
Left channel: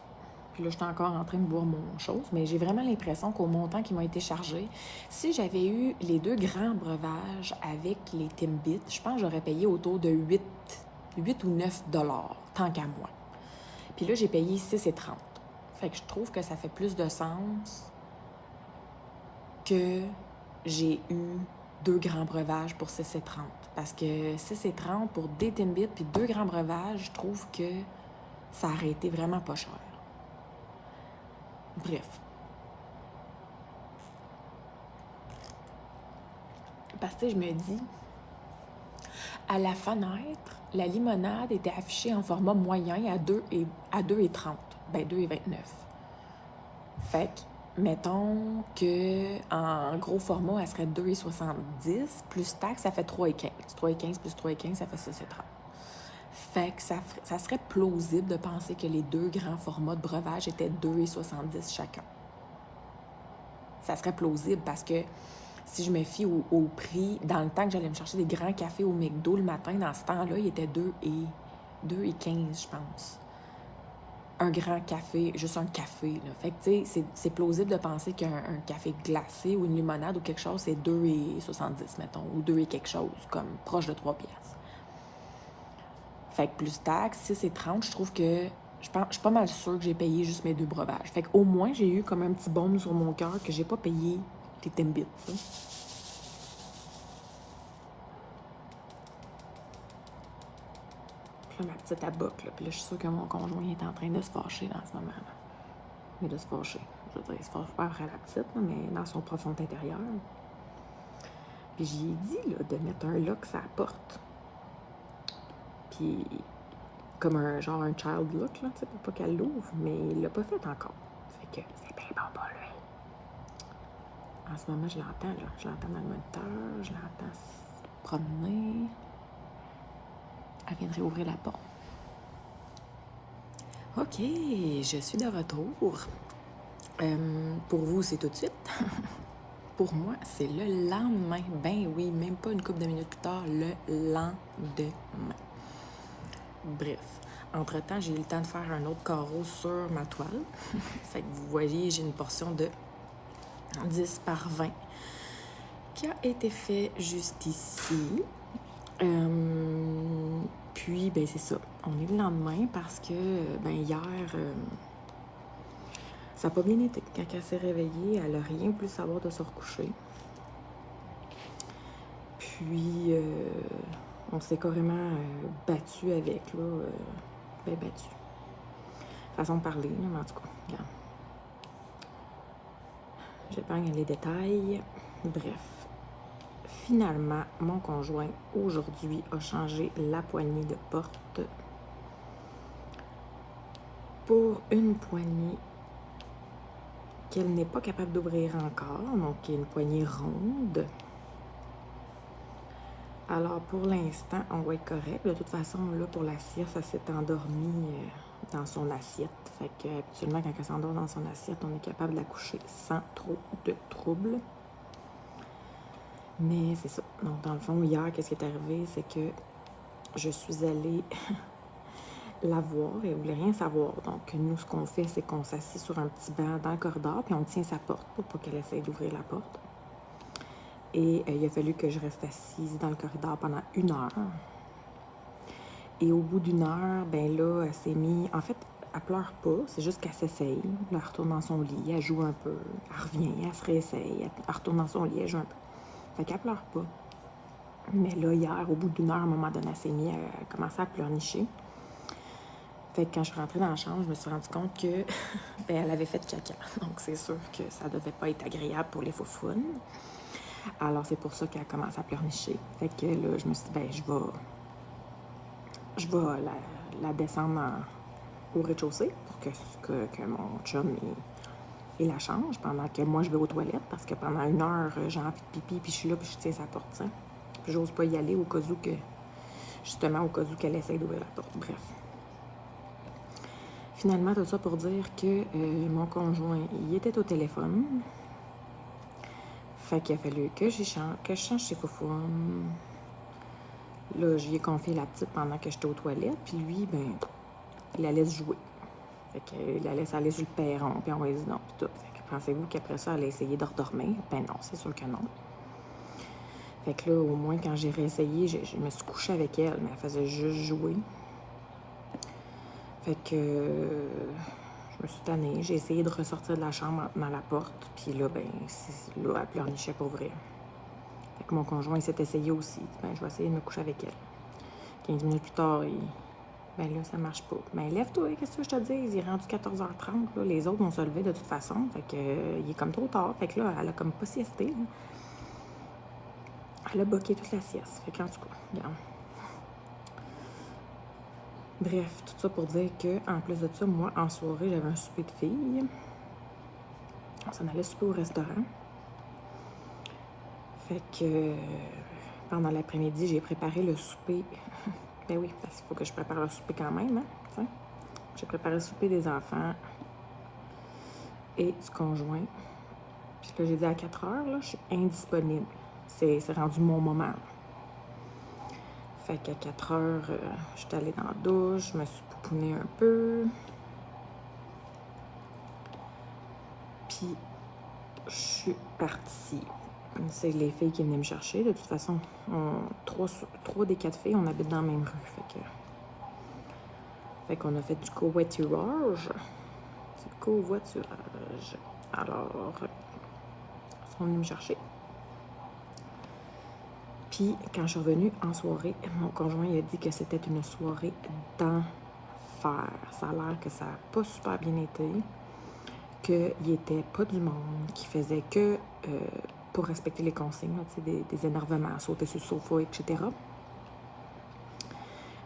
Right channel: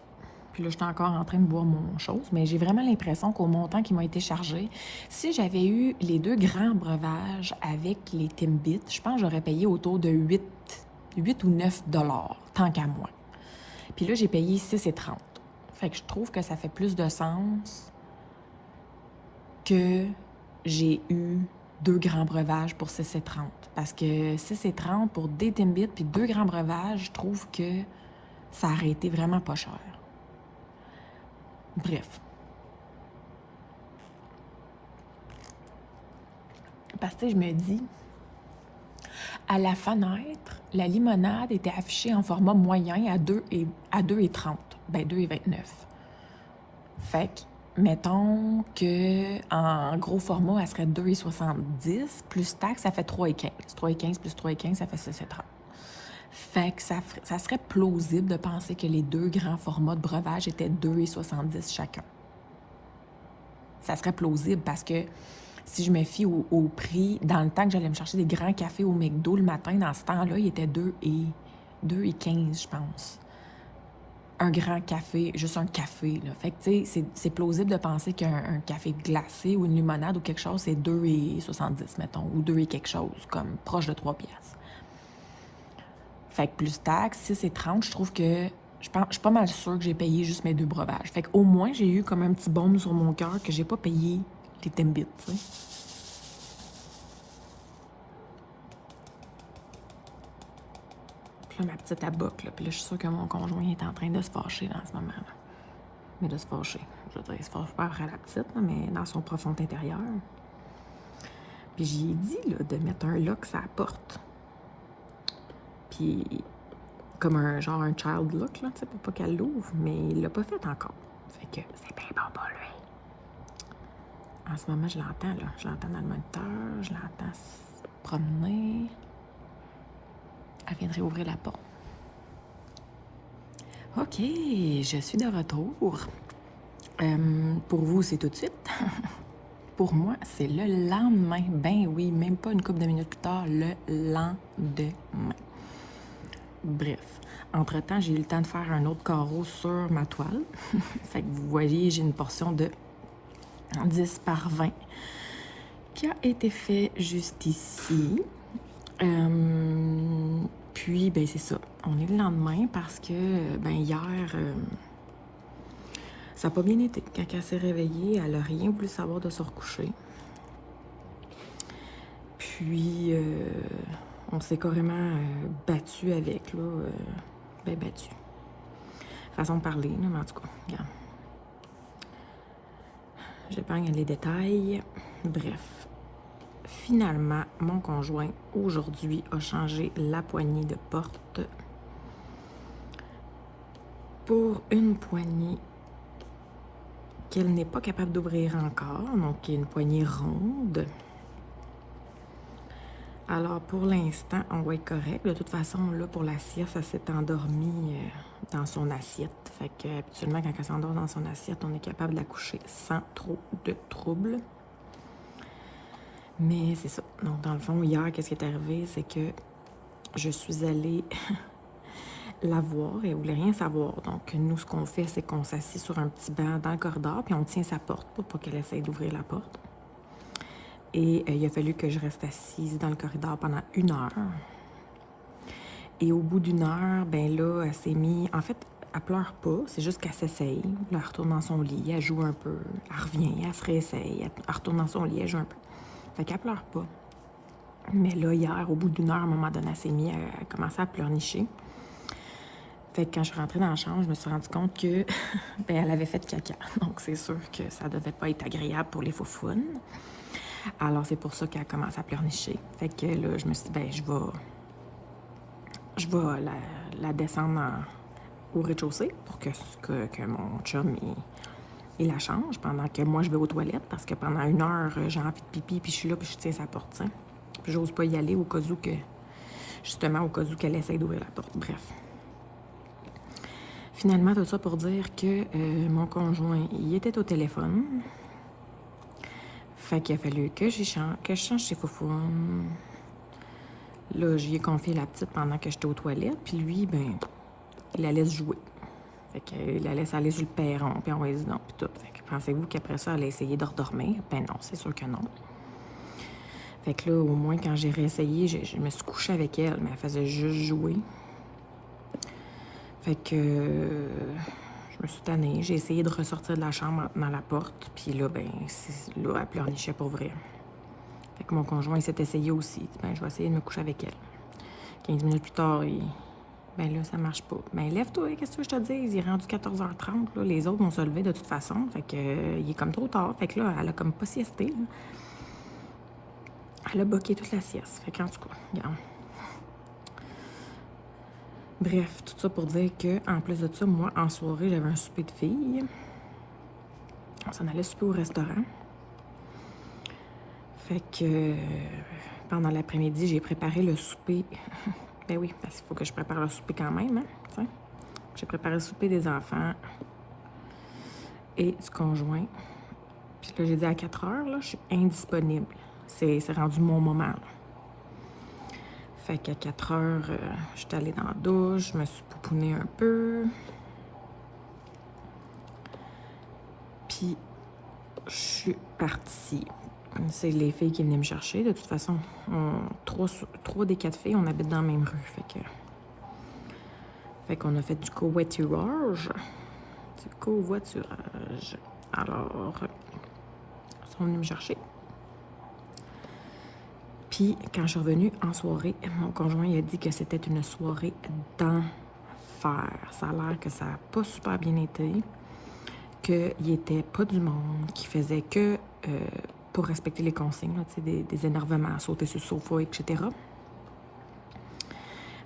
Puis là, j'étais encore en train de boire mon chose, mais j'ai vraiment l'impression qu'au montant qui m'a été chargé, si j'avais eu les 2 grands breuvages avec les Timbits, je pense que j'aurais payé autour de 8 ou 9 $, tant qu'à moi. Puis là, j'ai payé 6,30 $. Fait que je trouve que ça fait plus de sens que j'ai eu 2 grands breuvages pour 6,30 $. Parce que 6,30 $ pour des Timbits puis 2 grands breuvages, je trouve que ça aurait été vraiment pas cher. Bref. Parce que je me dis, à la fenêtre, la limonade était affichée en format moyen à 2,30 $. Ben 2,29 $. Fait que, mettons qu'en gros format, elle serait 2,70 $. Plus taxe, ça fait 3,15 $. 3,15 plus 3,15, ça fait 6,30 $. Fait que ça serait plausible de penser que les 2 grands formats de breuvage étaient 2,70 $ chacun. Ça serait plausible parce que si je me fie au prix, dans le temps que j'allais me chercher des grands cafés au McDo le matin, dans ce temps-là, il était 2,15 $, je pense. Un grand café, juste un café, là. Fait que, tu sais, c'est plausible de penser qu'un café glacé ou une limonade ou quelque chose, c'est 2,70 $, mettons, ou 2 et quelque chose, comme proche de 3 $. Fait que plus taxe, 6,30 $, je trouve que je suis pas mal sûre que j'ai payé juste mes 2 breuvages. Fait qu'au moins, j'ai eu comme un petit baume sur mon cœur que j'ai pas payé les Timbits, tu sais. Puis là, ma petite aboque, là. Puis là, je suis sûre que mon conjoint est en train de se fâcher dans ce moment-là. Mais de se fâcher. Je veux dire, il se fâche pas après la petite, là, mais dans son profond intérieur. Puis j'y ai dit, là, de mettre un lock sur la porte. Puis comme un genre un child lock, là, tu sais, pour pas qu'elle l'ouvre, mais il l'a pas fait encore. Fait que c'est bien bon pour lui. En ce moment, je l'entends, là. Je l'entends dans le moniteur, je l'entends se promener. Elle viendrait ouvrir la porte. OK, je suis de retour. Pour vous, c'est tout de suite. Pour moi, c'est le lendemain. Ben oui, même pas une couple de minutes plus tard, le lendemain. Bref, entre-temps, j'ai eu le temps de faire un autre carreau sur ma toile. Fait que vous voyez, j'ai une portion de 10 par 20 qui a été fait juste ici. Puis, ben c'est ça. On est le lendemain parce que, ben hier, ça n'a pas bien été. Quand elle s'est réveillée, elle n'a rien voulu savoir de se recoucher. Puis, on s'est carrément battu avec, là. Ben battu. Façon de parler, là, en tout cas. Regarde. J'épargne les détails. Bref. Finalement, mon conjoint, aujourd'hui, a changé la poignée de porte pour une poignée qu'elle n'est pas capable d'ouvrir encore, donc il y a une poignée ronde. Alors, pour l'instant, on va être correct. De toute façon, là, pour la sieste, elle s'est endormie dans son assiette. Fait que, habituellement, quand elle s'endort dans son assiette, on est capable de la coucher sans trop de troubles. Mais c'est ça. Donc, dans le fond, hier, qu'est-ce qui est arrivé? C'est que je suis allée la voir. Elle voulait rien savoir. Donc, nous, ce qu'on fait, c'est qu'on s'assied sur un petit banc dans le corridor, puis on tient sa porte pour pas qu'elle essaye d'ouvrir la porte. Et il a fallu que je reste assise dans le corridor pendant 1 heure. Et au bout d'1 heure, ben là, elle s'est mise... En fait, elle pleure pas, c'est juste qu'elle s'essaye. Là, elle retourne dans son lit, elle joue un peu, elle revient, elle se réessaye, elle retourne dans son lit, elle joue un peu. Fait qu'elle pleure pas. Mais là, hier, au bout d'1 heure, à un moment donné, elle s'est mise à commencer à pleurnicher. Fait que quand je suis rentrée dans la chambre, je me suis rendu compte que ben, elle avait fait caca. Donc, c'est sûr que ça devait pas être agréable pour les foufounes. Alors, c'est pour ça qu'elle a commencé à pleurnicher. Fait que là, je me suis dit, ben, je vais la descendre au rez-de-chaussée pour que mon chum il la change pendant que moi je vais aux toilettes parce que pendant 1 heure j'ai envie de pipi puis je suis là puis je tiens sa porte. Hein. Puis j'ose pas y aller au cas où que justement au cas où qu'elle essaie d'ouvrir la porte. Bref. Finalement, tout ça pour dire que mon conjoint il était au téléphone. Fait qu'il a fallu que je change ses foufounes. Là, j'y ai confié la petite pendant que j'étais aux toilettes. Puis lui, ben, il la laisse jouer. Fait qu'il la laisse aller sur le perron, puis on va donc, puis tout. Fait que pensez-vous qu'après ça, elle a essayé de redormir? Ben non, c'est sûr que non. Fait que là, au moins, quand j'ai réessayé, je me suis couchée avec elle, mais elle faisait juste jouer. Fait que je me suis tannée. J'ai essayé de ressortir de la chambre dans la porte, puis là, ben, là, elle pleurnichait pour vrai. Fait que mon conjoint s'est essayé aussi. Ben, je vais essayer de me coucher avec elle. 15 minutes plus tard, ben là, ça marche pas. Ben lève-toi, qu'est-ce que je te dis? Il est rendu 14h30. Là. Les autres vont se lever de toute façon. Fait que il est comme trop tard. Fait que là, elle a comme pas siesté. Là. Elle a boqué toute la sieste. Fait qu'en tout cas, regarde. Bref, tout ça pour dire que, en plus de ça, moi, en soirée, j'avais un souper de filles. On s'en allait souper au restaurant. Fait que pendant l'après-midi, j'ai préparé le souper. Ben oui, parce qu'il faut que je prépare le souper quand même, hein, j'ai préparé le souper des enfants et du conjoint. Puis là, j'ai dit à 4 heures, là, je suis indisponible. C'est rendu mon moment. Là. Fait qu'à 4 heures, je suis allée dans la douche, je me suis poupounée un peu. Puis, je suis partie. C'est les filles qui venaient me chercher. De toute façon, 3 des 4 filles, on habite dans la même rue. Fait qu'on a fait du covoiturage. Alors, ils sont venus me chercher. Puis, quand je suis revenue en soirée, mon conjoint il a dit que c'était une soirée d'enfer. Ça a l'air que ça n'a pas super bien été, qu'il n'était pas du monde, qu'il faisait que pour respecter les consignes, là, des énervements, sauter sur le sofa, etc.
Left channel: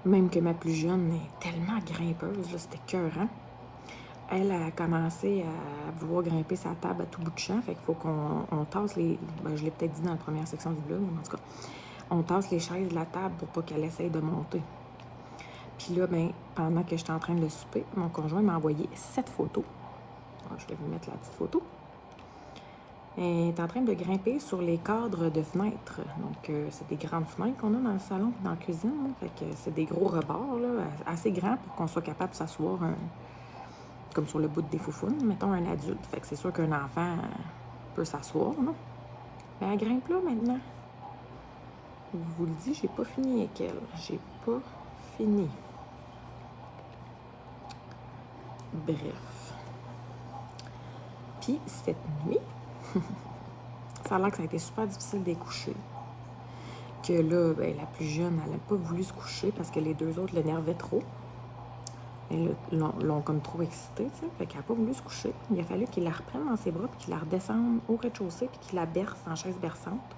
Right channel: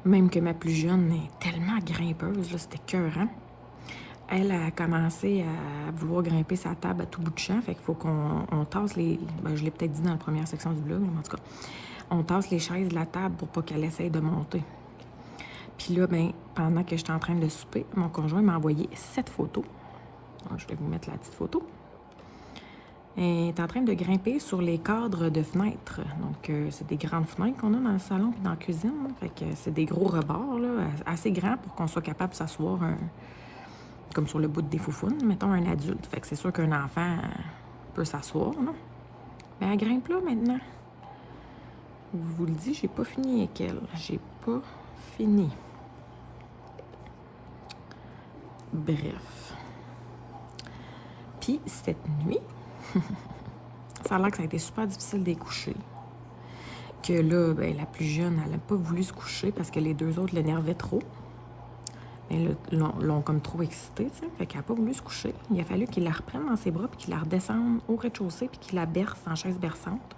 Même que ma plus jeune est tellement grimpeuse, c'était écœurant. Elle a commencé à vouloir grimper sa table à tout bout de champ. Fait qu'il faut qu'on tasse les... Ben, je l'ai peut-être dit dans la première section du blog, mais en tout cas, on tasse les chaises de la table pour pas qu'elle essaye de monter. Puis là, ben, pendant que j'étais en train de souper, mon conjoint m'a envoyé 7 photos. Donc, je vais vous mettre la petite photo. Elle est en train de grimper sur les cadres de fenêtres. Donc, c'est des grandes fenêtres qu'on a dans le salon et dans la cuisine. Là. Fait que c'est des gros rebords, là, assez grands pour qu'on soit capable de s'asseoir comme sur le bout des foufounes, mettons un adulte. Fait que c'est sûr qu'un enfant peut s'asseoir, non? Mais elle grimpe là maintenant. Je vous le dis, j'ai pas fini avec elle. J'ai pas fini. Bref. Puis, cette nuit, ça a l'air que ça a été super difficile d'écoucher. Que là, ben, la plus jeune, elle n'a pas voulu se coucher parce que les 2 autres l'énervaient trop. Et l'ont comme trop excitée, tu sais. Fait qu'elle n'a pas voulu se coucher. Il a fallu qu'il la reprenne dans ses bras puis qu'il la redescende au rez-de-chaussée puis qu'il la berce en chaise berçante.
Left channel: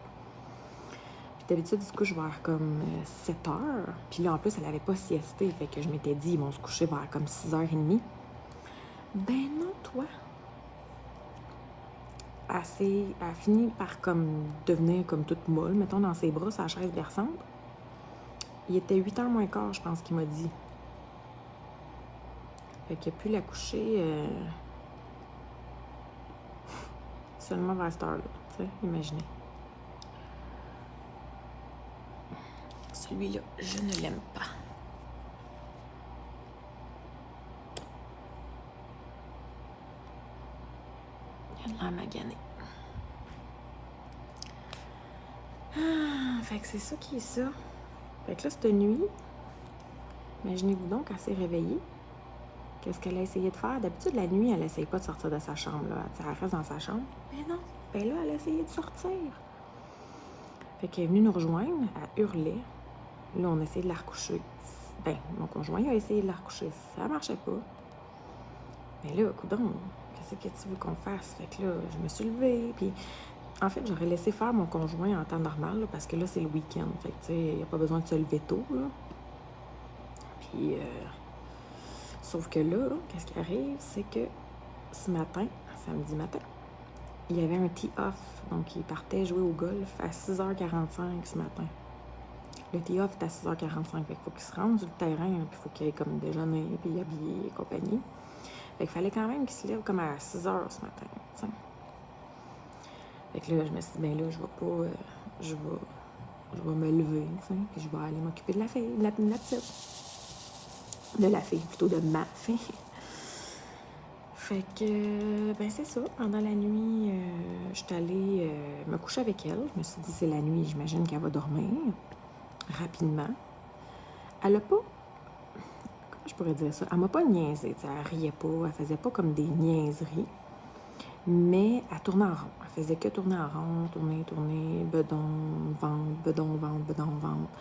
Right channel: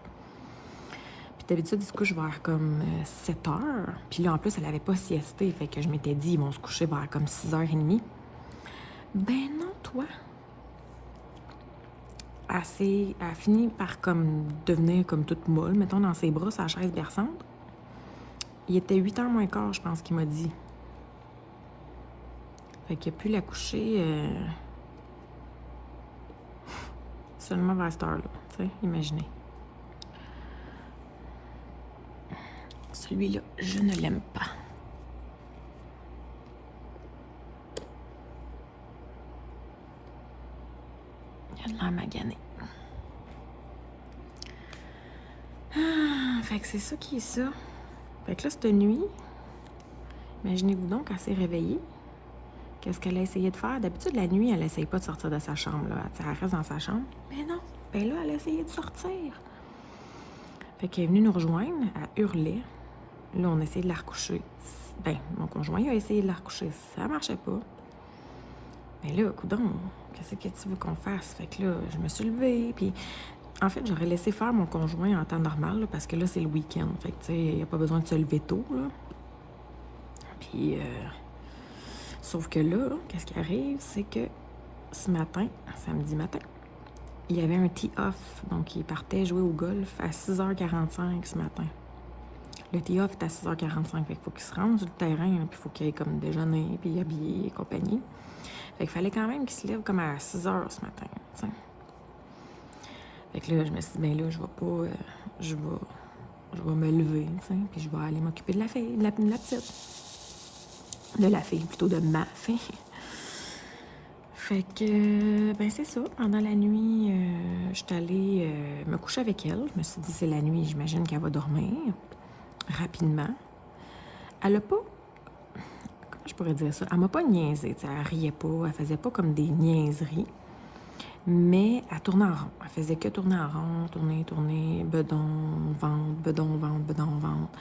Puis d'habitude, il se couche vers comme 7 heures. Puis là, en plus, elle n'avait pas siesté. Fait que je m'étais dit, ils vont se coucher vers comme 6h30. Ben non, toi. elle a fini par comme devenir comme toute molle, mettons, dans ses bras, sa chaise berçante. Il était 8h moins quart, je pense qu'il m'a dit. Fait qu'il a pu la coucher seulement vers cette heure-là, tu sais, imaginez. Celui-là, je ne l'aime pas. Il a de l'air magané. Fait que c'est ça qui est ça. Fait que là, cette nuit, imaginez-vous donc, elle s'est réveillée. Qu'est-ce qu'elle a essayé de faire? D'habitude, la nuit, elle n'essaye pas de sortir de sa chambre. Là. Elle reste dans sa chambre. Mais non! Ben là, elle a essayé de sortir. Fait qu'elle est venue nous rejoindre. Elle hurlait. Là, on a essayé de la recoucher. Ben, mon conjoint a essayé de la recoucher. Ça marchait pas. Mais là, coudonc, qu'est-ce que tu veux qu'on fasse? Fait que là, je me suis levée. Puis, en fait, j'aurais laissé faire mon conjoint en temps normal. Là, parce que là, c'est le week-end. Fait que, tu sais, il n'y a pas besoin de se lever tôt. Là. Puis, sauf que là, qu'est-ce qui arrive? C'est que ce matin, samedi matin, il y avait un tee-off. Donc, il partait jouer au golf à 6h45 ce matin. Le tee-off est à 6h45. Fait qu'il faut qu'il se rende sur le terrain, puis il faut qu'il ait comme déjeuner, puis habillé et compagnie. Fait qu'il fallait quand même qu'il se lève comme à 6h ce matin, t'sais. Fait que là, je me suis dit, ben là, je vais pas... je vais me lever, t'sais, puis je vais aller m'occuper de la fille, de la petite. De la fille, plutôt de ma fille. Fait que, ben c'est ça. Pendant la nuit, je suis allée me coucher avec elle. Je me suis dit, c'est la nuit, j'imagine qu'elle va dormir rapidement. Elle a pas, comment je pourrais dire ça? Elle m'a pas niaisé, elle riait pas, elle faisait pas comme des niaiseries, mais elle tournait en rond. Elle faisait que tourner en rond, tourner, bedon, ventre, bedon, ventre.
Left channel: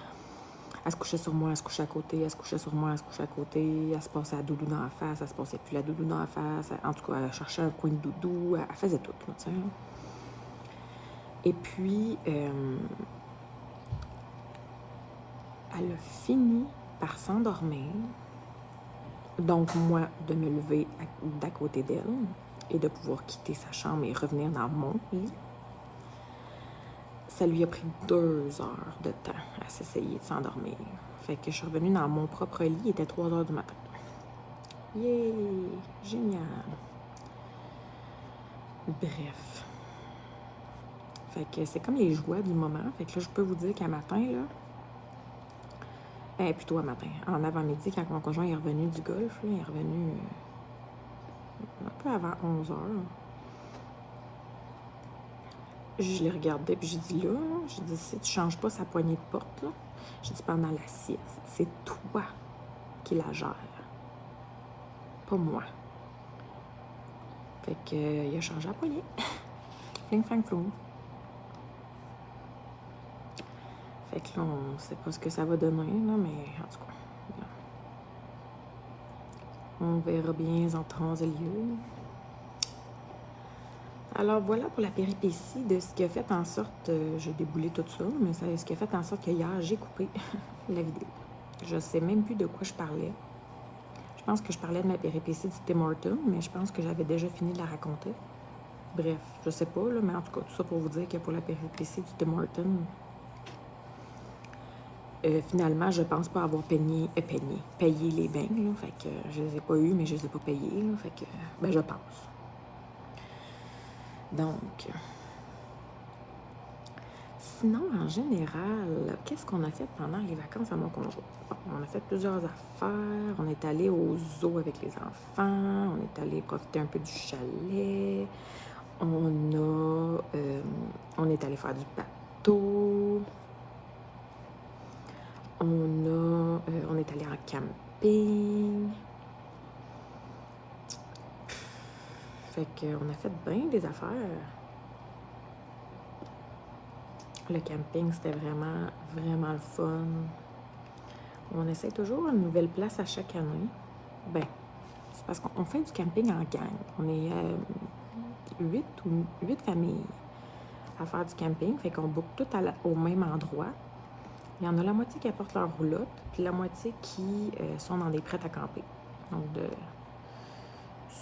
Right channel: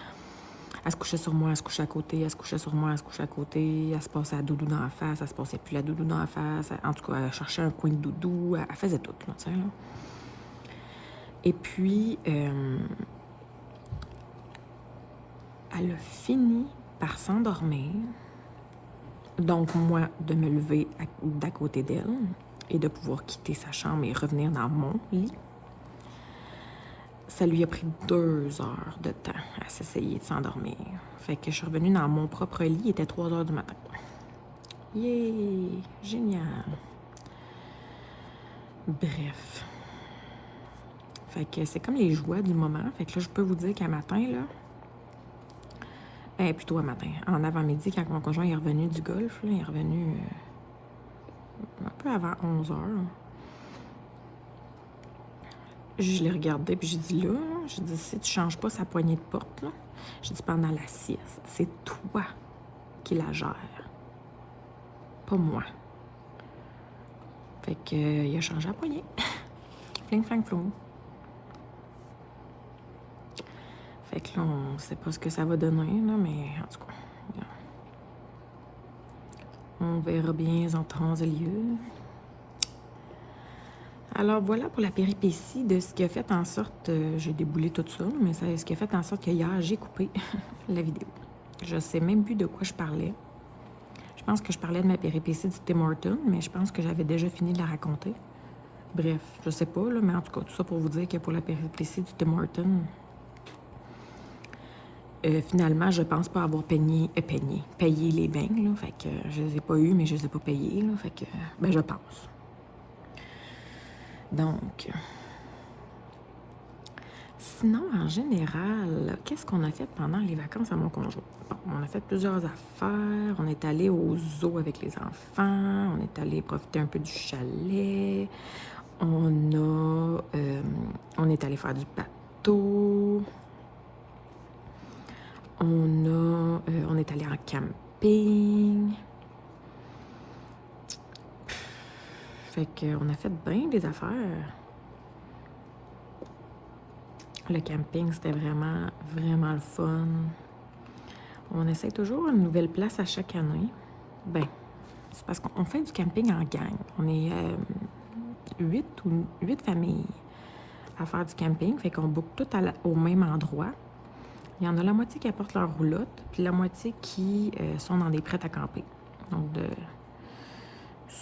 Elle se couchait sur moi, elle se couchait à côté, elle se couchait sur moi, elle se couchait à côté, elle se passait la doudou dans la face, elle se passait plus la doudou dans la face, en tout cas, elle cherchait un coin de doudou, elle faisait tout, tu sais. Et puis, elle a fini par s'endormir, donc moi, de me lever d'à côté d'elle et de pouvoir quitter sa chambre et revenir dans mon lit. Ça lui a pris 2 heures de temps à s'essayer de s'endormir. Fait que je suis revenue dans mon propre lit, il était 3h du matin. Yeah! Génial! Bref. Fait que c'est comme les joies du moment. Fait que là, je peux vous dire qu'à matin, là... plutôt à matin. En avant-midi, quand mon conjoint est revenu du golf, là, il est revenu un peu avant 11h. Je l'ai regardé, puis j'ai dit là, si tu changes pas sa poignée de porte, là, j'ai dit pendant la sieste, c'est toi qui la gère, pas moi. Fait que, il a changé la poignée. Fling, flang, flou. Fait que là, on sait pas ce que ça va donner, là, mais en tout cas, on verra bien en temps et lieu. Alors voilà pour la péripétie de ce qui a fait en sorte, j'ai déboulé tout ça, mais c'est ce qui a fait en sorte que hier, j'ai coupé la vidéo. Je sais même plus de quoi je parlais. Je pense que je parlais de ma péripétie du Tim Hortons, mais je pense que j'avais déjà fini de la raconter. Bref, je sais pas, là, mais en tout cas, tout ça pour vous dire que pour la péripétie du Tim Hortons, finalement, je pense pas avoir payé les beignes, là, fait que je les ai pas eus, mais je les ai pas payés, là, fait que, ben je pense. Donc, sinon, en général, qu'est-ce qu'on a fait pendant les vacances à mon conjoint? On a fait plusieurs affaires. On est allé au zoo avec les enfants. On est allé profiter un peu du chalet. On est allé faire du bateau. On est allé en camping. Fait qu'on a fait bien des affaires. Le camping, c'était vraiment, vraiment le fun. On essaie toujours une nouvelle place à chaque année. Ben, c'est parce qu'on fait du camping en gang. On est 8 familles à faire du camping. Fait qu'on boucle tout au même endroit. Il y en a la moitié qui apportent leur roulotte, puis la moitié qui sont dans des prêts à camper. Donc,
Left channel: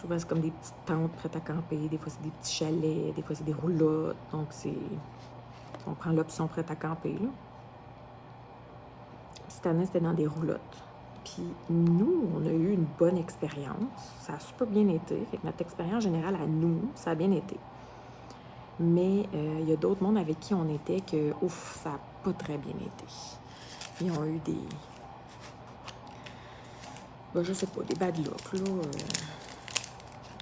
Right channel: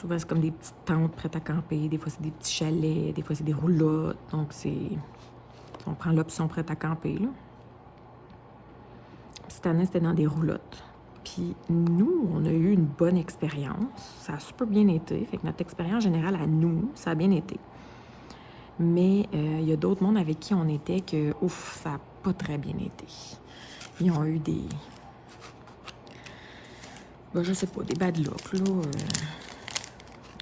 Souvent, c'est comme des petites tentes prêtes à camper. Des fois, c'est des petits chalets. Des fois, c'est des roulottes. Donc, on prend l'option prête à camper, là. Cette année, c'était dans des roulottes. Puis nous, on a eu une bonne expérience. Ça a super bien été. Fait que notre expérience générale à nous, ça a bien été. Mais il y a d'autres mondes avec qui on était que, ouf, ça n'a pas très bien été. Ils ont eu des... Ben, je sais pas, des bad looks, là.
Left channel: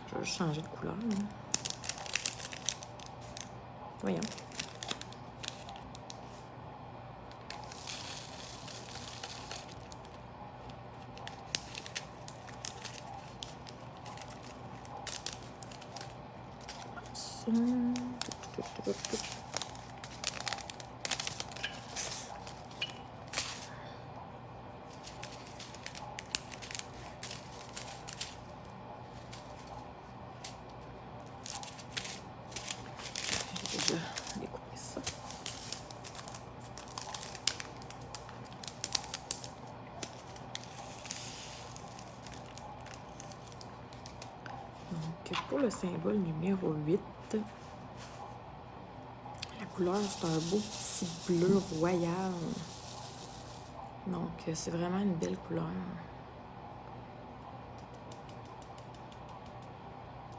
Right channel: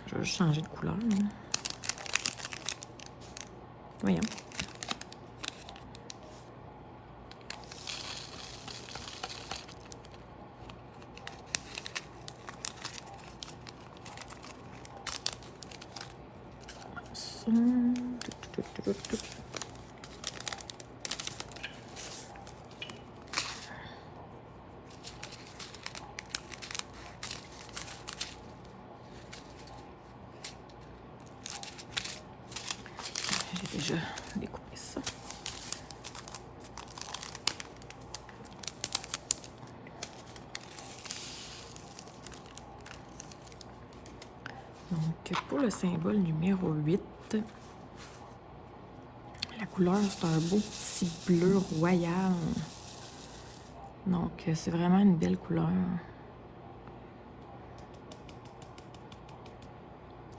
Je vais juste changer de couleur, là. Voyons. J'ai déjà découpé ça. Donc, pour le symbole numéro 8, la couleur, c'est un beau petit bleu royal. Donc, c'est vraiment une belle couleur.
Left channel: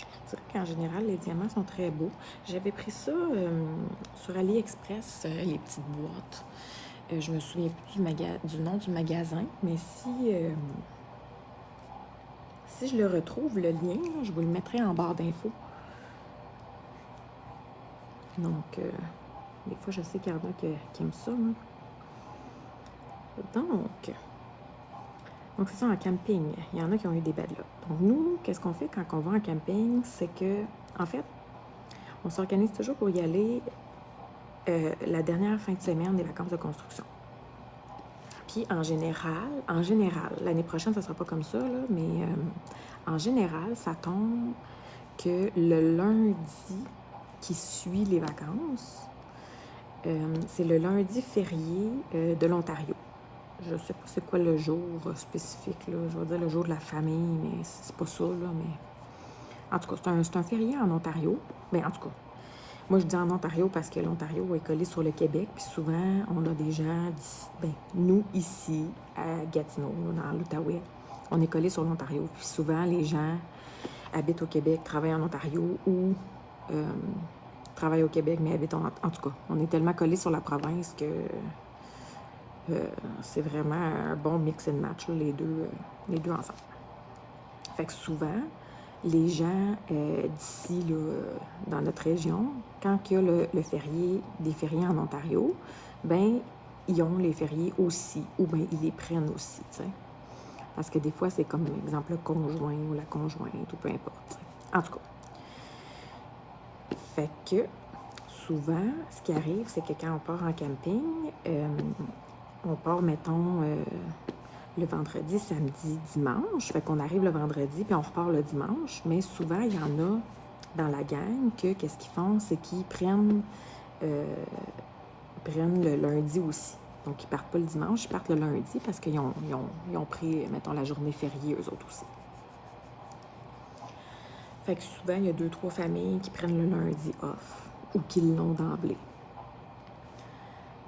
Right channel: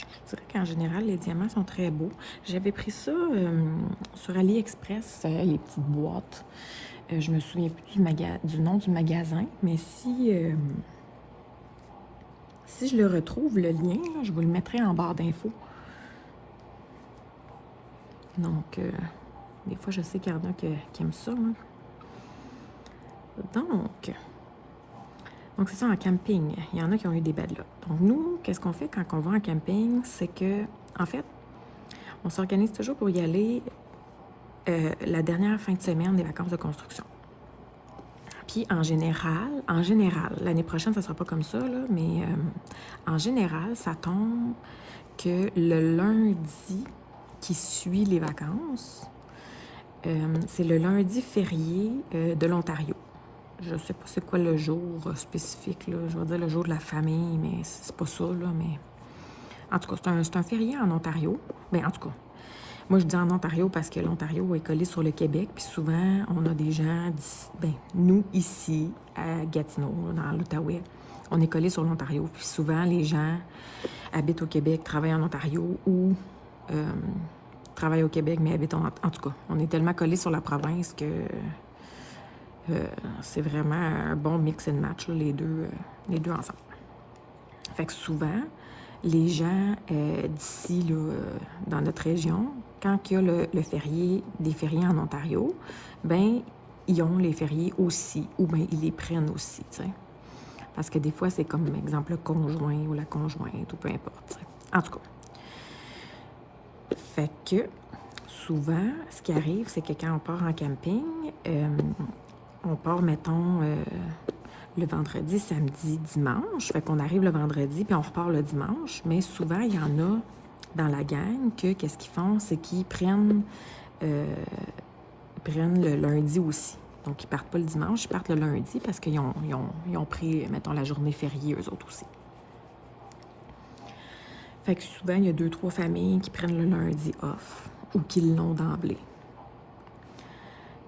Je dirais qu'en général, les diamants sont très beaux. J'avais pris ça sur AliExpress, les petites boîtes. Je me souviens plus du nom du magasin, mais si je le retrouve, le lien, je vous le mettrai en barre d'infos. Donc, des fois, je sais qu'il y en a qui aiment ça. Hein. Donc c'est ça, en camping, il y en a qui ont eu des bad luck. Donc, nous, qu'est-ce qu'on fait quand on va en camping? C'est que, en fait, on s'organise toujours pour y aller la dernière fin de semaine des vacances de construction. Puis en général, l'année prochaine, ça sera pas comme ça, là, mais en général, ça tombe que le lundi qui suit les vacances, c'est le lundi férié de l'Ontario. Je sais pas c'est quoi le jour spécifique, là. Je veux dire le jour de la famille, mais c'est pas ça, là, mais... En tout cas, c'est un férié en Ontario. Mais en tout cas, moi, je dis en Ontario parce que l'Ontario est collé sur le Québec, puis souvent, on a des gens, nous, ici, à Gatineau, dans l'Outaouais, on est collé sur l'Ontario, puis souvent, les gens habitent au Québec, travaillent en Ontario ou travaillent au Québec, mais habitent en tout cas, on est tellement collé sur la province que c'est vraiment un bon mix and match, là, les deux ensemble. Fait que souvent, les gens d'ici, là, dans notre région, quand il y a le férié, des fériés en Ontario, ben ils ont les fériés aussi, ou bien ils les prennent aussi, tu sais. Parce que des fois, c'est comme, exemple, le conjoint ou la conjointe, ou peu importe, t'sais. En tout cas. Fait que, souvent, ce qui arrive, c'est que quand on part en camping, on part, mettons, le vendredi, samedi, dimanche. Fait qu'on arrive le vendredi, puis on repart le dimanche. Mais souvent, il y en a dans la gang que, qu'est-ce qu'ils font, c'est qu'ils prennent le lundi aussi. Donc, ils partent pas le dimanche, ils partent le lundi parce qu'ils ont pris, mettons, la journée fériée, eux autres aussi. Fait que souvent, il y a 2-3 familles qui prennent le lundi off ou qui l'ont d'emblée.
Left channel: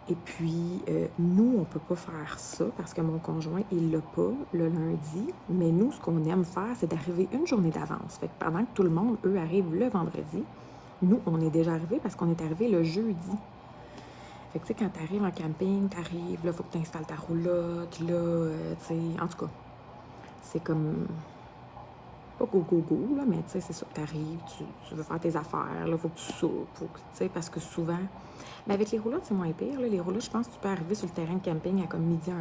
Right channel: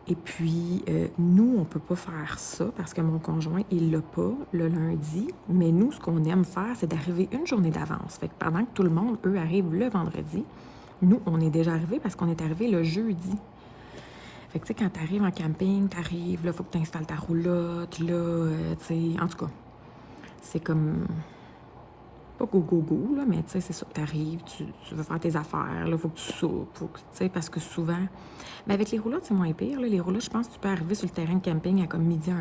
Et puis, nous, on peut pas faire ça parce que mon conjoint, il l'a pas le lundi. Mais nous, ce qu'on aime faire, c'est d'arriver une journée d'avance. Fait que pendant que tout le monde, eux, arrivent le vendredi, nous, on est déjà arrivés parce qu'on est arrivé le jeudi. Fait que, tu sais, quand t'arrives en camping, t'arrives, là, faut que t'installes ta roulotte, là, tu sais, en tout cas, c'est comme... pas go, là, mais tu sais, c'est ça que t'arrives, tu veux faire tes affaires, là, faut que tu soupes, tu sais, parce que souvent... Mais avec les roulottes, c'est moins pire, là. Les roulottes, je pense que tu peux arriver sur le terrain de camping à comme midi, 1h,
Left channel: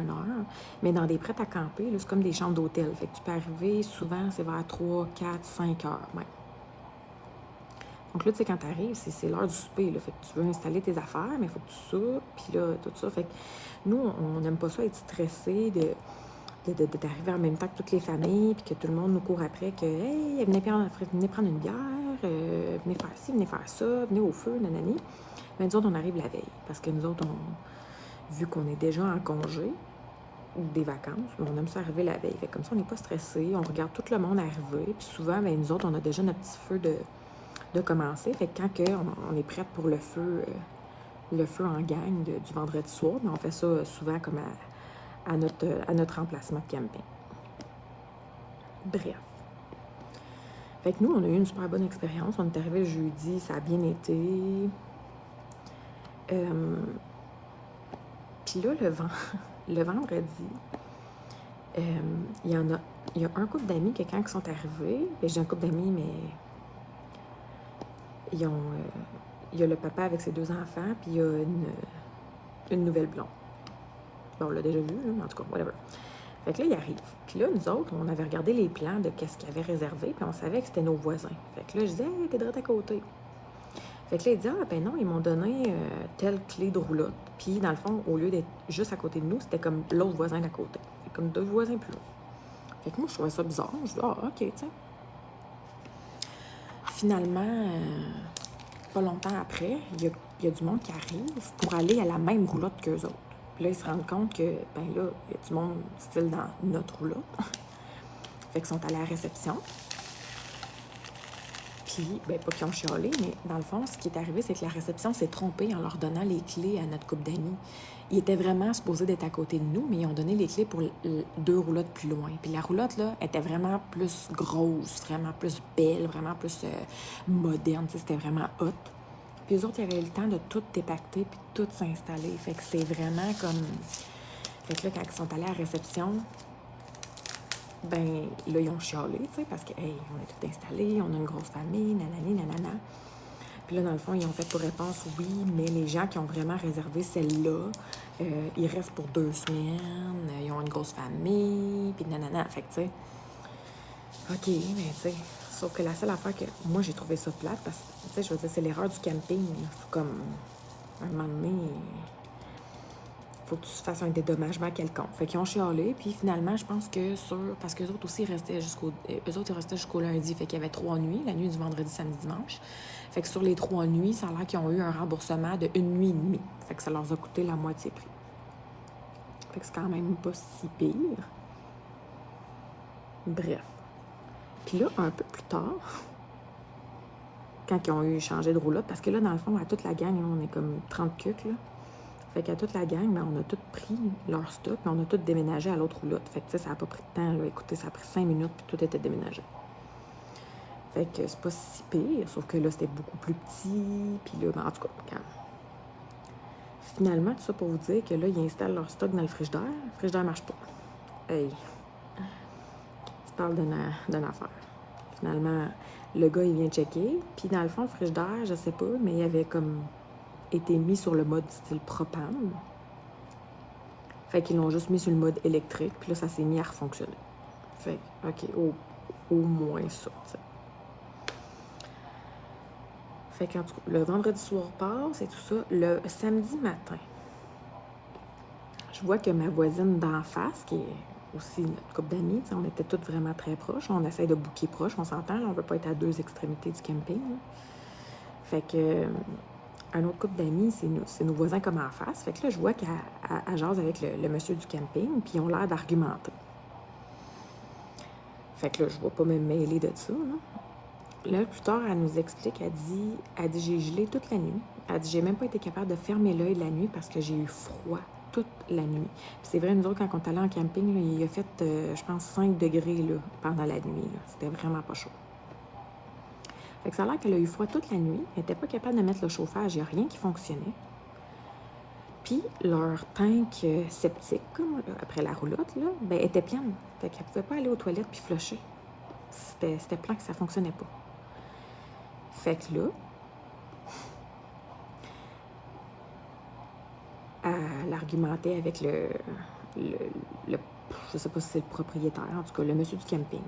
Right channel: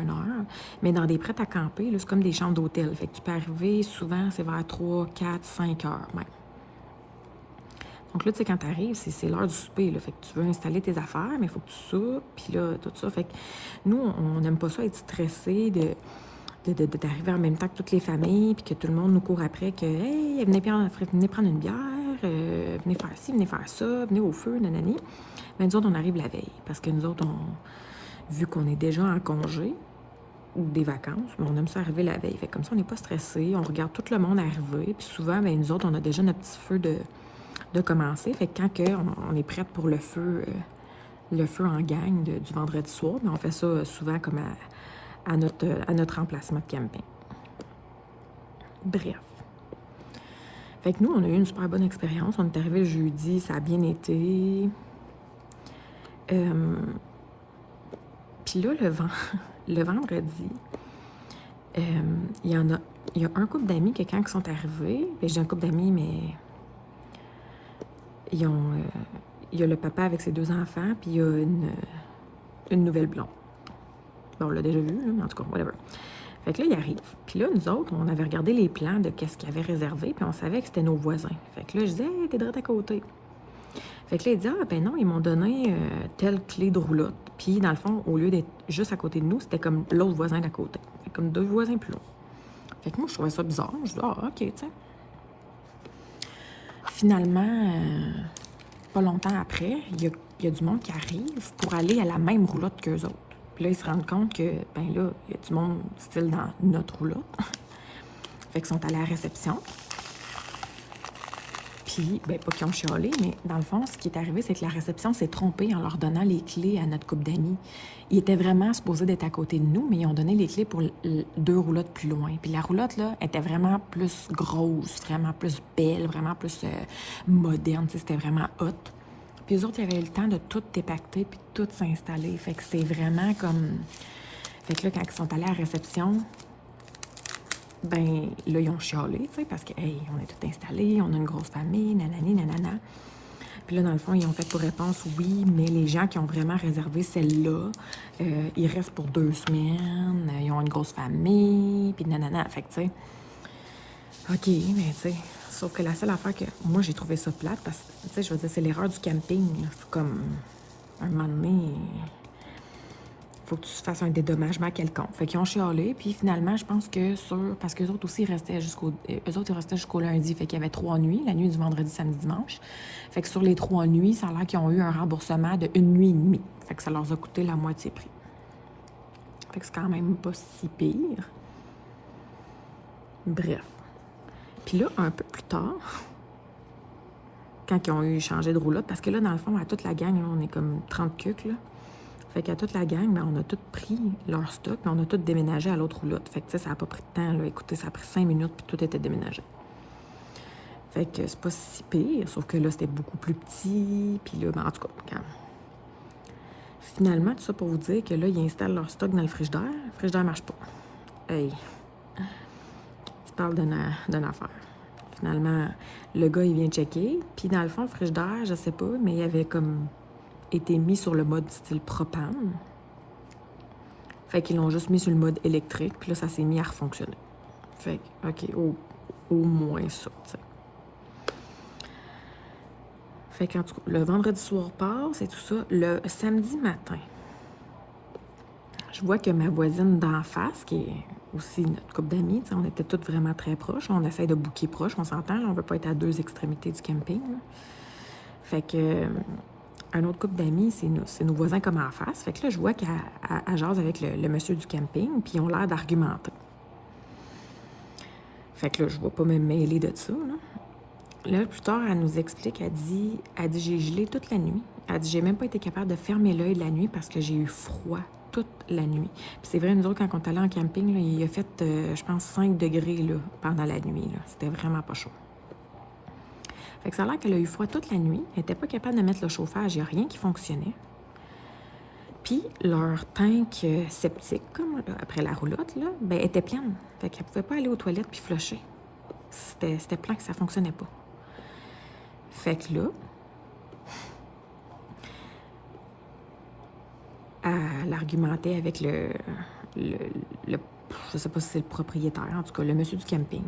mais dans des prêts à camper, là, c'est comme des chambres d'hôtel. Fait que tu peux arriver, souvent, c'est vers 3, 4, 5 heures, même. Donc là, tu sais, quand t'arrives, c'est l'heure du souper, là. Fait que tu veux installer tes affaires, mais il faut que tu soupes, puis là, tout ça. Fait que nous, on n'aime pas ça être stressé d'arriver en même temps que toutes les familles, puis que tout le monde nous court après, que « Hey, venez prendre une bière, venez faire ci, venez faire ça, venez au feu, nanani. » Mais nous autres, on arrive la veille, parce que nous autres, vu qu'on est déjà en congé, des vacances, mais on aime ça arriver la veille. Fait comme ça, on n'est pas stressé, on regarde tout le monde arriver, puis souvent, ben, nous autres, on a déjà notre petit feu de commencer. Fait que quand on est prête pour le feu en gang du vendredi soir, ben, on fait ça souvent comme à notre emplacement de camping. Bref. Fait que nous, on a eu une super bonne expérience. On est arrivé le jeudi, ça a bien été. Puis là, le vendredi, il y a un couple d'amis que quand ils sont arrivés, ben, j'ai un couple d'amis, mais il y a le papa avec ses 2 enfants, puis il y a une nouvelle blonde. Bon, on l'a déjà vu, là, mais en tout cas, whatever. Fait que là, il arrive. Puis là, nous autres, on avait regardé les plans de qu'est-ce qu'ils avaient réservé, puis on savait que c'était nos voisins. Fait que là, je disais, hey, t'es direct à côté. Fait que là, il dit, ah, ben non, ils m'ont donné telle clé de roulotte. Puis, dans le fond, au lieu d'être juste à côté de nous, c'était comme l'autre voisin d'à côté. Fait comme 2 voisins plus haut. Fait que moi, je trouvais ça bizarre. Je dis, ah, ok, tu sais. Finalement, pas longtemps après, il y a du monde qui arrive pour aller à la même roulotte qu'eux autres. Puis là, ils se rendent compte que, ben là, il y a du monde style dans notre roulotte. Fait qu'ils sont allés à la réception. Puis, ben pas qu'ils ont chialé, mais dans le fond, ce qui est arrivé, c'est que la réception s'est trompée en leur donnant les clés à notre couple d'amis. Ils étaient vraiment supposés d'être à côté de nous, mais ils ont donné les clés pour 2 roulottes plus loin. Puis la roulotte, là, était vraiment plus grosse, vraiment plus belle, vraiment plus moderne. C'était vraiment hot. Puis eux autres, ils avaient eu le temps de tout dépacter puis de tout s'installer. Fait que c'est vraiment comme... Fait que là, quand ils sont allés à la réception, ben là, ils ont chialé, tu sais, parce que, hey, on est tout installé, on a une grosse famille, nanani, nanana. Puis là, dans le fond, ils ont fait pour réponse, oui, mais les gens qui ont vraiment réservé celle-là, ils restent pour 2 semaines, ils ont une grosse famille, puis nanana. Fait que, tu sais, OK, mais tu sais, sauf que la seule affaire que moi, j'ai trouvé ça plate, parce que, tu sais, je veux dire, c'est l'erreur du camping, là. C'est comme, un moment donné, faut que tu fasses un dédommagement quelconque. Fait qu'ils ont chialé, puis finalement, je pense que parce qu'eux autres aussi restaient jusqu'au lundi, fait qu'il y avait 3 nuits, la nuit du vendredi, samedi, dimanche. Fait que sur les 3 nuits, ça a l'air qu'ils ont eu un remboursement de 1 nuit et demie. Fait que ça leur a coûté la moitié prix. Fait que c'est quand même pas si pire. Bref. Puis là, un peu plus tard, quand ils ont eu changé de roulotte, parce que là, dans le fond, à toute la gang, là, on est comme 30 cucs, là. Fait qu'à toute la gang, ben, on a tous pris leur stock, puis on a tous déménagé à l'autre roulotte. Fait que, tu sais, ça n'a pas pris de temps, là. Écoutez, ça a pris 5 minutes, puis tout était déménagé. Fait que c'est pas si pire, sauf que là, c'était beaucoup plus petit, puis là, ben, en tout cas, regarde. Finalement, tout ça pour vous dire que là, ils installent leur stock dans le frigidaire. Le frigidaire marche pas. Hey! Tu parles d'une affaire. Finalement, le gars, il vient checker, puis dans le fond, le frigidaire, je sais pas, mais il avait comme été mis sur le mode style propane. Fait qu'ils l'ont juste mis sur le mode électrique, puis là, ça s'est mis à refonctionner. Fait que, OK, au moins ça, t'sais. Fait que, le vendredi soir passe et tout ça. Le samedi matin, je vois que ma voisine d'en face, qui est aussi notre couple d'amis, on était toutes vraiment très proches. On essaye de booker proche, on s'entend, on veut pas être à 2 extrémités du camping. Fait que... un autre couple d'amis, c'est nos voisins comme en face. Fait que là, je vois qu'elle jase avec le monsieur du camping, puis ils ont l'air d'argumenter. Fait que là, je ne vais pas me mêler de ça. Hein. Là, plus tard, elle nous explique, elle dit j'ai gelé toute la nuit. Elle dit j'ai même pas été capable de fermer l'œil de la nuit parce que j'ai eu froid toute la nuit. Puis c'est vrai, nous autres, quand on est allé en camping, là, il a fait, je pense, 5 degrés là, pendant la nuit. C'était vraiment pas chaud. Fait que ça a l'air qu'elle a eu froid toute la nuit. Elle n'était pas capable de mettre le chauffage. Il n'y a rien qui fonctionnait. Puis, leur tank septique, comme après la roulotte, là, ben, était pleine. Fait qu'elle ne pouvait pas aller aux toilettes puis flusher. C'était plein que ça ne fonctionnait pas. Fait que là, elle argumentait avec je sais pas si c'est le propriétaire, en tout cas, le monsieur du camping.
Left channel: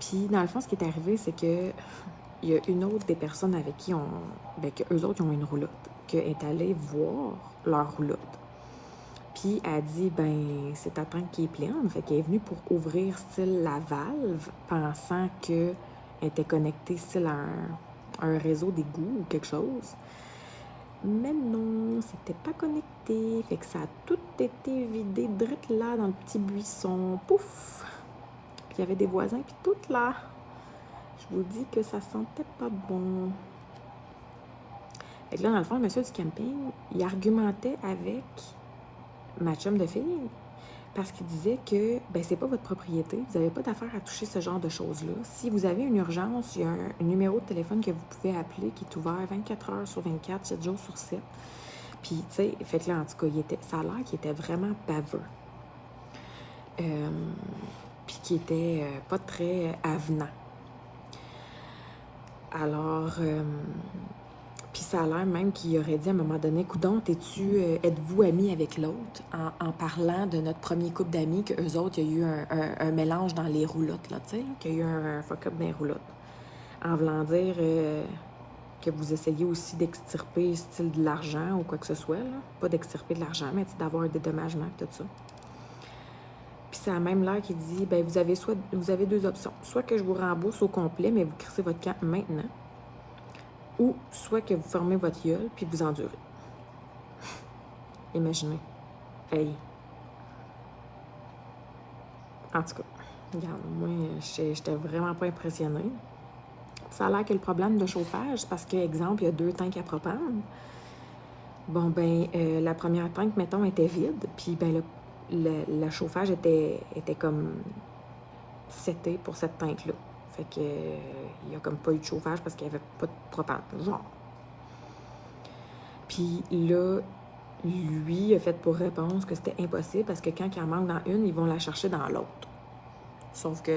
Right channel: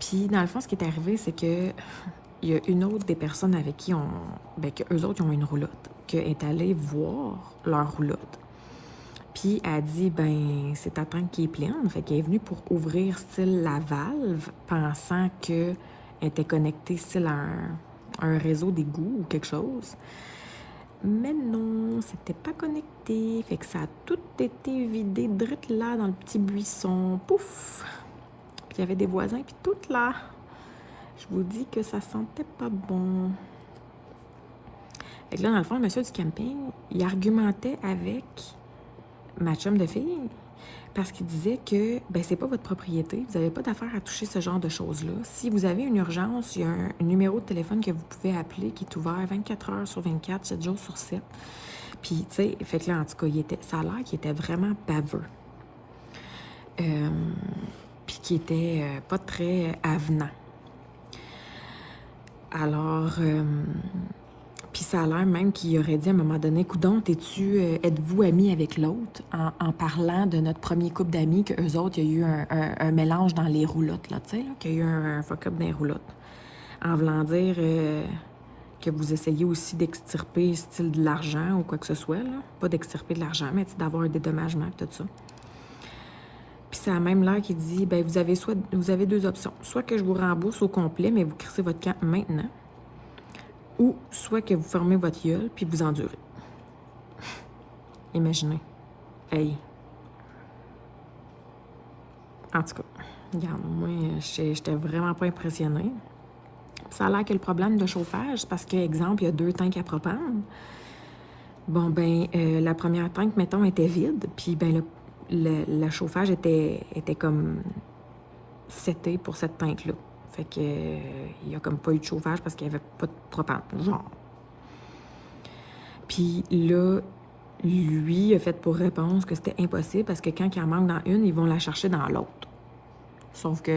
Puis, dans le fond, ce qui est arrivé, c'est que il y a une autre des personnes avec qui eux autres, ils ont une roulotte, qui est allée voir leur roulotte. Puis, elle dit, ben, c'est ta tank qui est pleine. Fait qu'elle est venue pour ouvrir, style, la valve, pensant qu'elle était connectée, style, à un réseau d'égout ou quelque chose. Mais non, c'était pas connecté. Fait que ça a tout été vidé drette là dans le petit buisson. Pouf! Puis il y avait des voisins, puis tout là. Je vous dis que ça sentait pas bon. Fait que là, dans le fond, le monsieur du camping, il argumentait avec ma chum de fille parce qu'il disait que ben, c'est pas votre propriété, vous n'avez pas d'affaire à toucher ce genre de choses-là. Si vous avez une urgence, il y a un numéro de téléphone que vous pouvez appeler qui est ouvert 24 heures sur 24, 7 jours sur 7. Puis, tu sais, fait que là, en tout cas, ça a l'air qu'il était vraiment baveux. Puis qu'il était pas très avenant. Alors, puis ça a l'air même qu'il aurait dit à un moment donné, coudonc, êtes-vous amis avec l'autre, en parlant de notre premier couple d'amis, qu'eux autres, il y a eu un mélange dans les roulottes, là, tu sais, qu'il y a eu un fuck-up dans les roulottes. En voulant dire que vous essayez aussi d'extirper style de l'argent ou quoi que ce soit, là. Pas d'extirper de l'argent, mais d'avoir un dédommagement et tout ça. Puis c'est à même l'air qui dit, ben vous avez deux options. Soit que je vous rembourse au complet, mais vous crissez votre camp maintenant. Ou soit que vous fermez votre gueule puis vous endurez. Imaginez. Hey. En tout cas, regarde, moi, j'étais vraiment pas impressionnée. Ça a l'air que le problème de chauffage, parce qu'exemple, il y a 2 tanks à propane. Bon, ben, la première tank, mettons, était vide, puis ben, le chauffage était comme c'était pour cette tank-là. Fait que il y a comme pas eu de chauffage parce qu'il n'y avait pas de propane, genre. Puis là, lui a fait pour réponse que c'était impossible parce que quand il en manque dans une, ils vont la chercher dans l'autre. Sauf que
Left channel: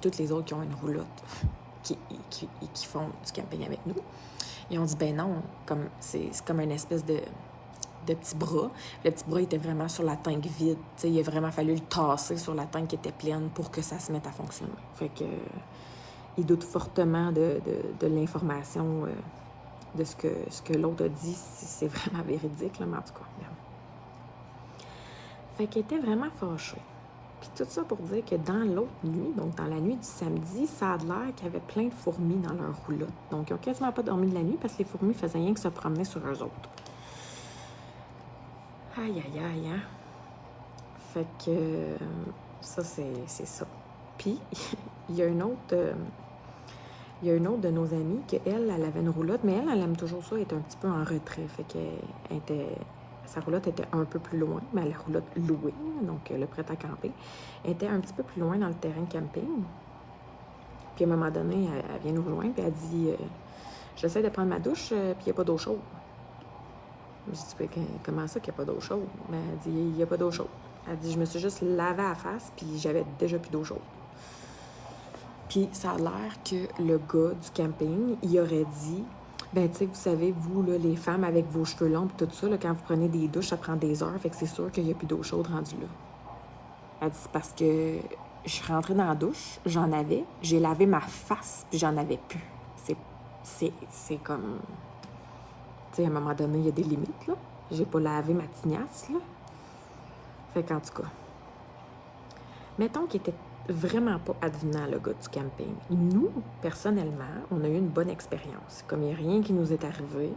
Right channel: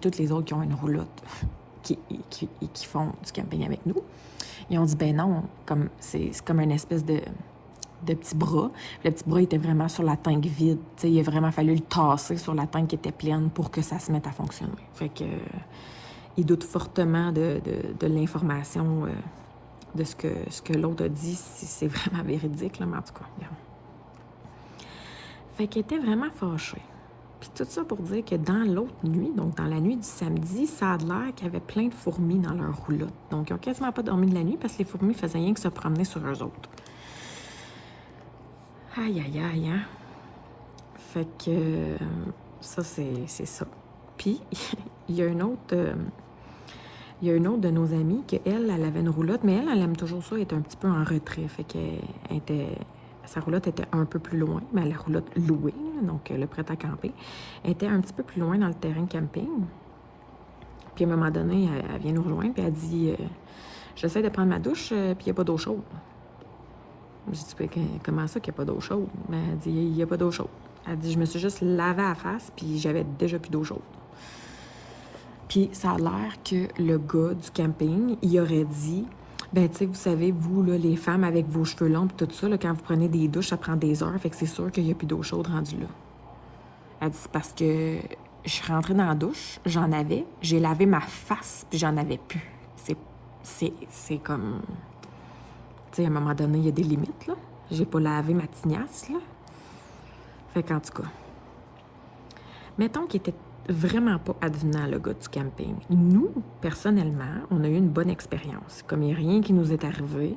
toutes les autres qui ont une roulotte qui font du camping avec nous, ils ont dit ben non, comme c'est comme une espèce de petit bras. Le petit bras était vraiment sur la tank vide. T'sais, il a vraiment fallu le tasser sur la tank qui était pleine pour que ça se mette à fonctionner. Fait que il doute fortement de l'information de ce que l'autre a dit, si c'est vraiment véridique, là, mais en tout cas, regarde. Fait qu'il était vraiment fâché. Puis tout ça pour dire que dans l'autre nuit, donc dans la nuit du samedi, ça a l'air qu'il y avait plein de fourmis dans leur roulotte. Donc, ils n'ont quasiment pas dormi de la nuit parce que les fourmis faisaient rien que se promener sur eux autres. Aïe, aïe, aïe, hein? Fait que ça, c'est ça. Puis, il y a une autre... il y a une autre de nos amies qu'elle avait une roulotte, mais elle aime toujours ça, elle était un petit peu en retrait. Fait que sa roulotte était un peu plus loin, mais la roulotte louée, donc le prêt à camper, était un petit peu plus loin dans le terrain de camping. Puis à un moment donné, elle vient nous rejoindre, puis elle dit j'essaie de prendre ma douche, puis il n'y a pas d'eau chaude. Je dis comment ça qu'il n'y a pas d'eau chaude? Ben, elle dit il n'y a pas d'eau chaude. Elle dit je me suis juste lavé à la face, puis j'avais déjà plus d'eau chaude. Puis ça a l'air que le gars du camping, il aurait dit ben tu sais, vous savez, vous, là, les femmes avec vos cheveux longs et tout ça, là, quand vous prenez des douches, ça prend des heures, fait que c'est sûr qu'il n'y a plus d'eau chaude rendue là. Elle dit c'est parce que je suis rentrée dans la douche, j'en avais, j'ai lavé ma face, puis j'en avais plus. C'est comme... Tu sais, à un moment donné, il y a des limites, là. J'ai pas lavé ma tignasse, là. Fait qu'en tout cas, mettons qu'il était vraiment pas advenant, le gars du camping. Nous, personnellement, on a eu une bonne expérience. Comme il n'y a rien qui nous est arrivé,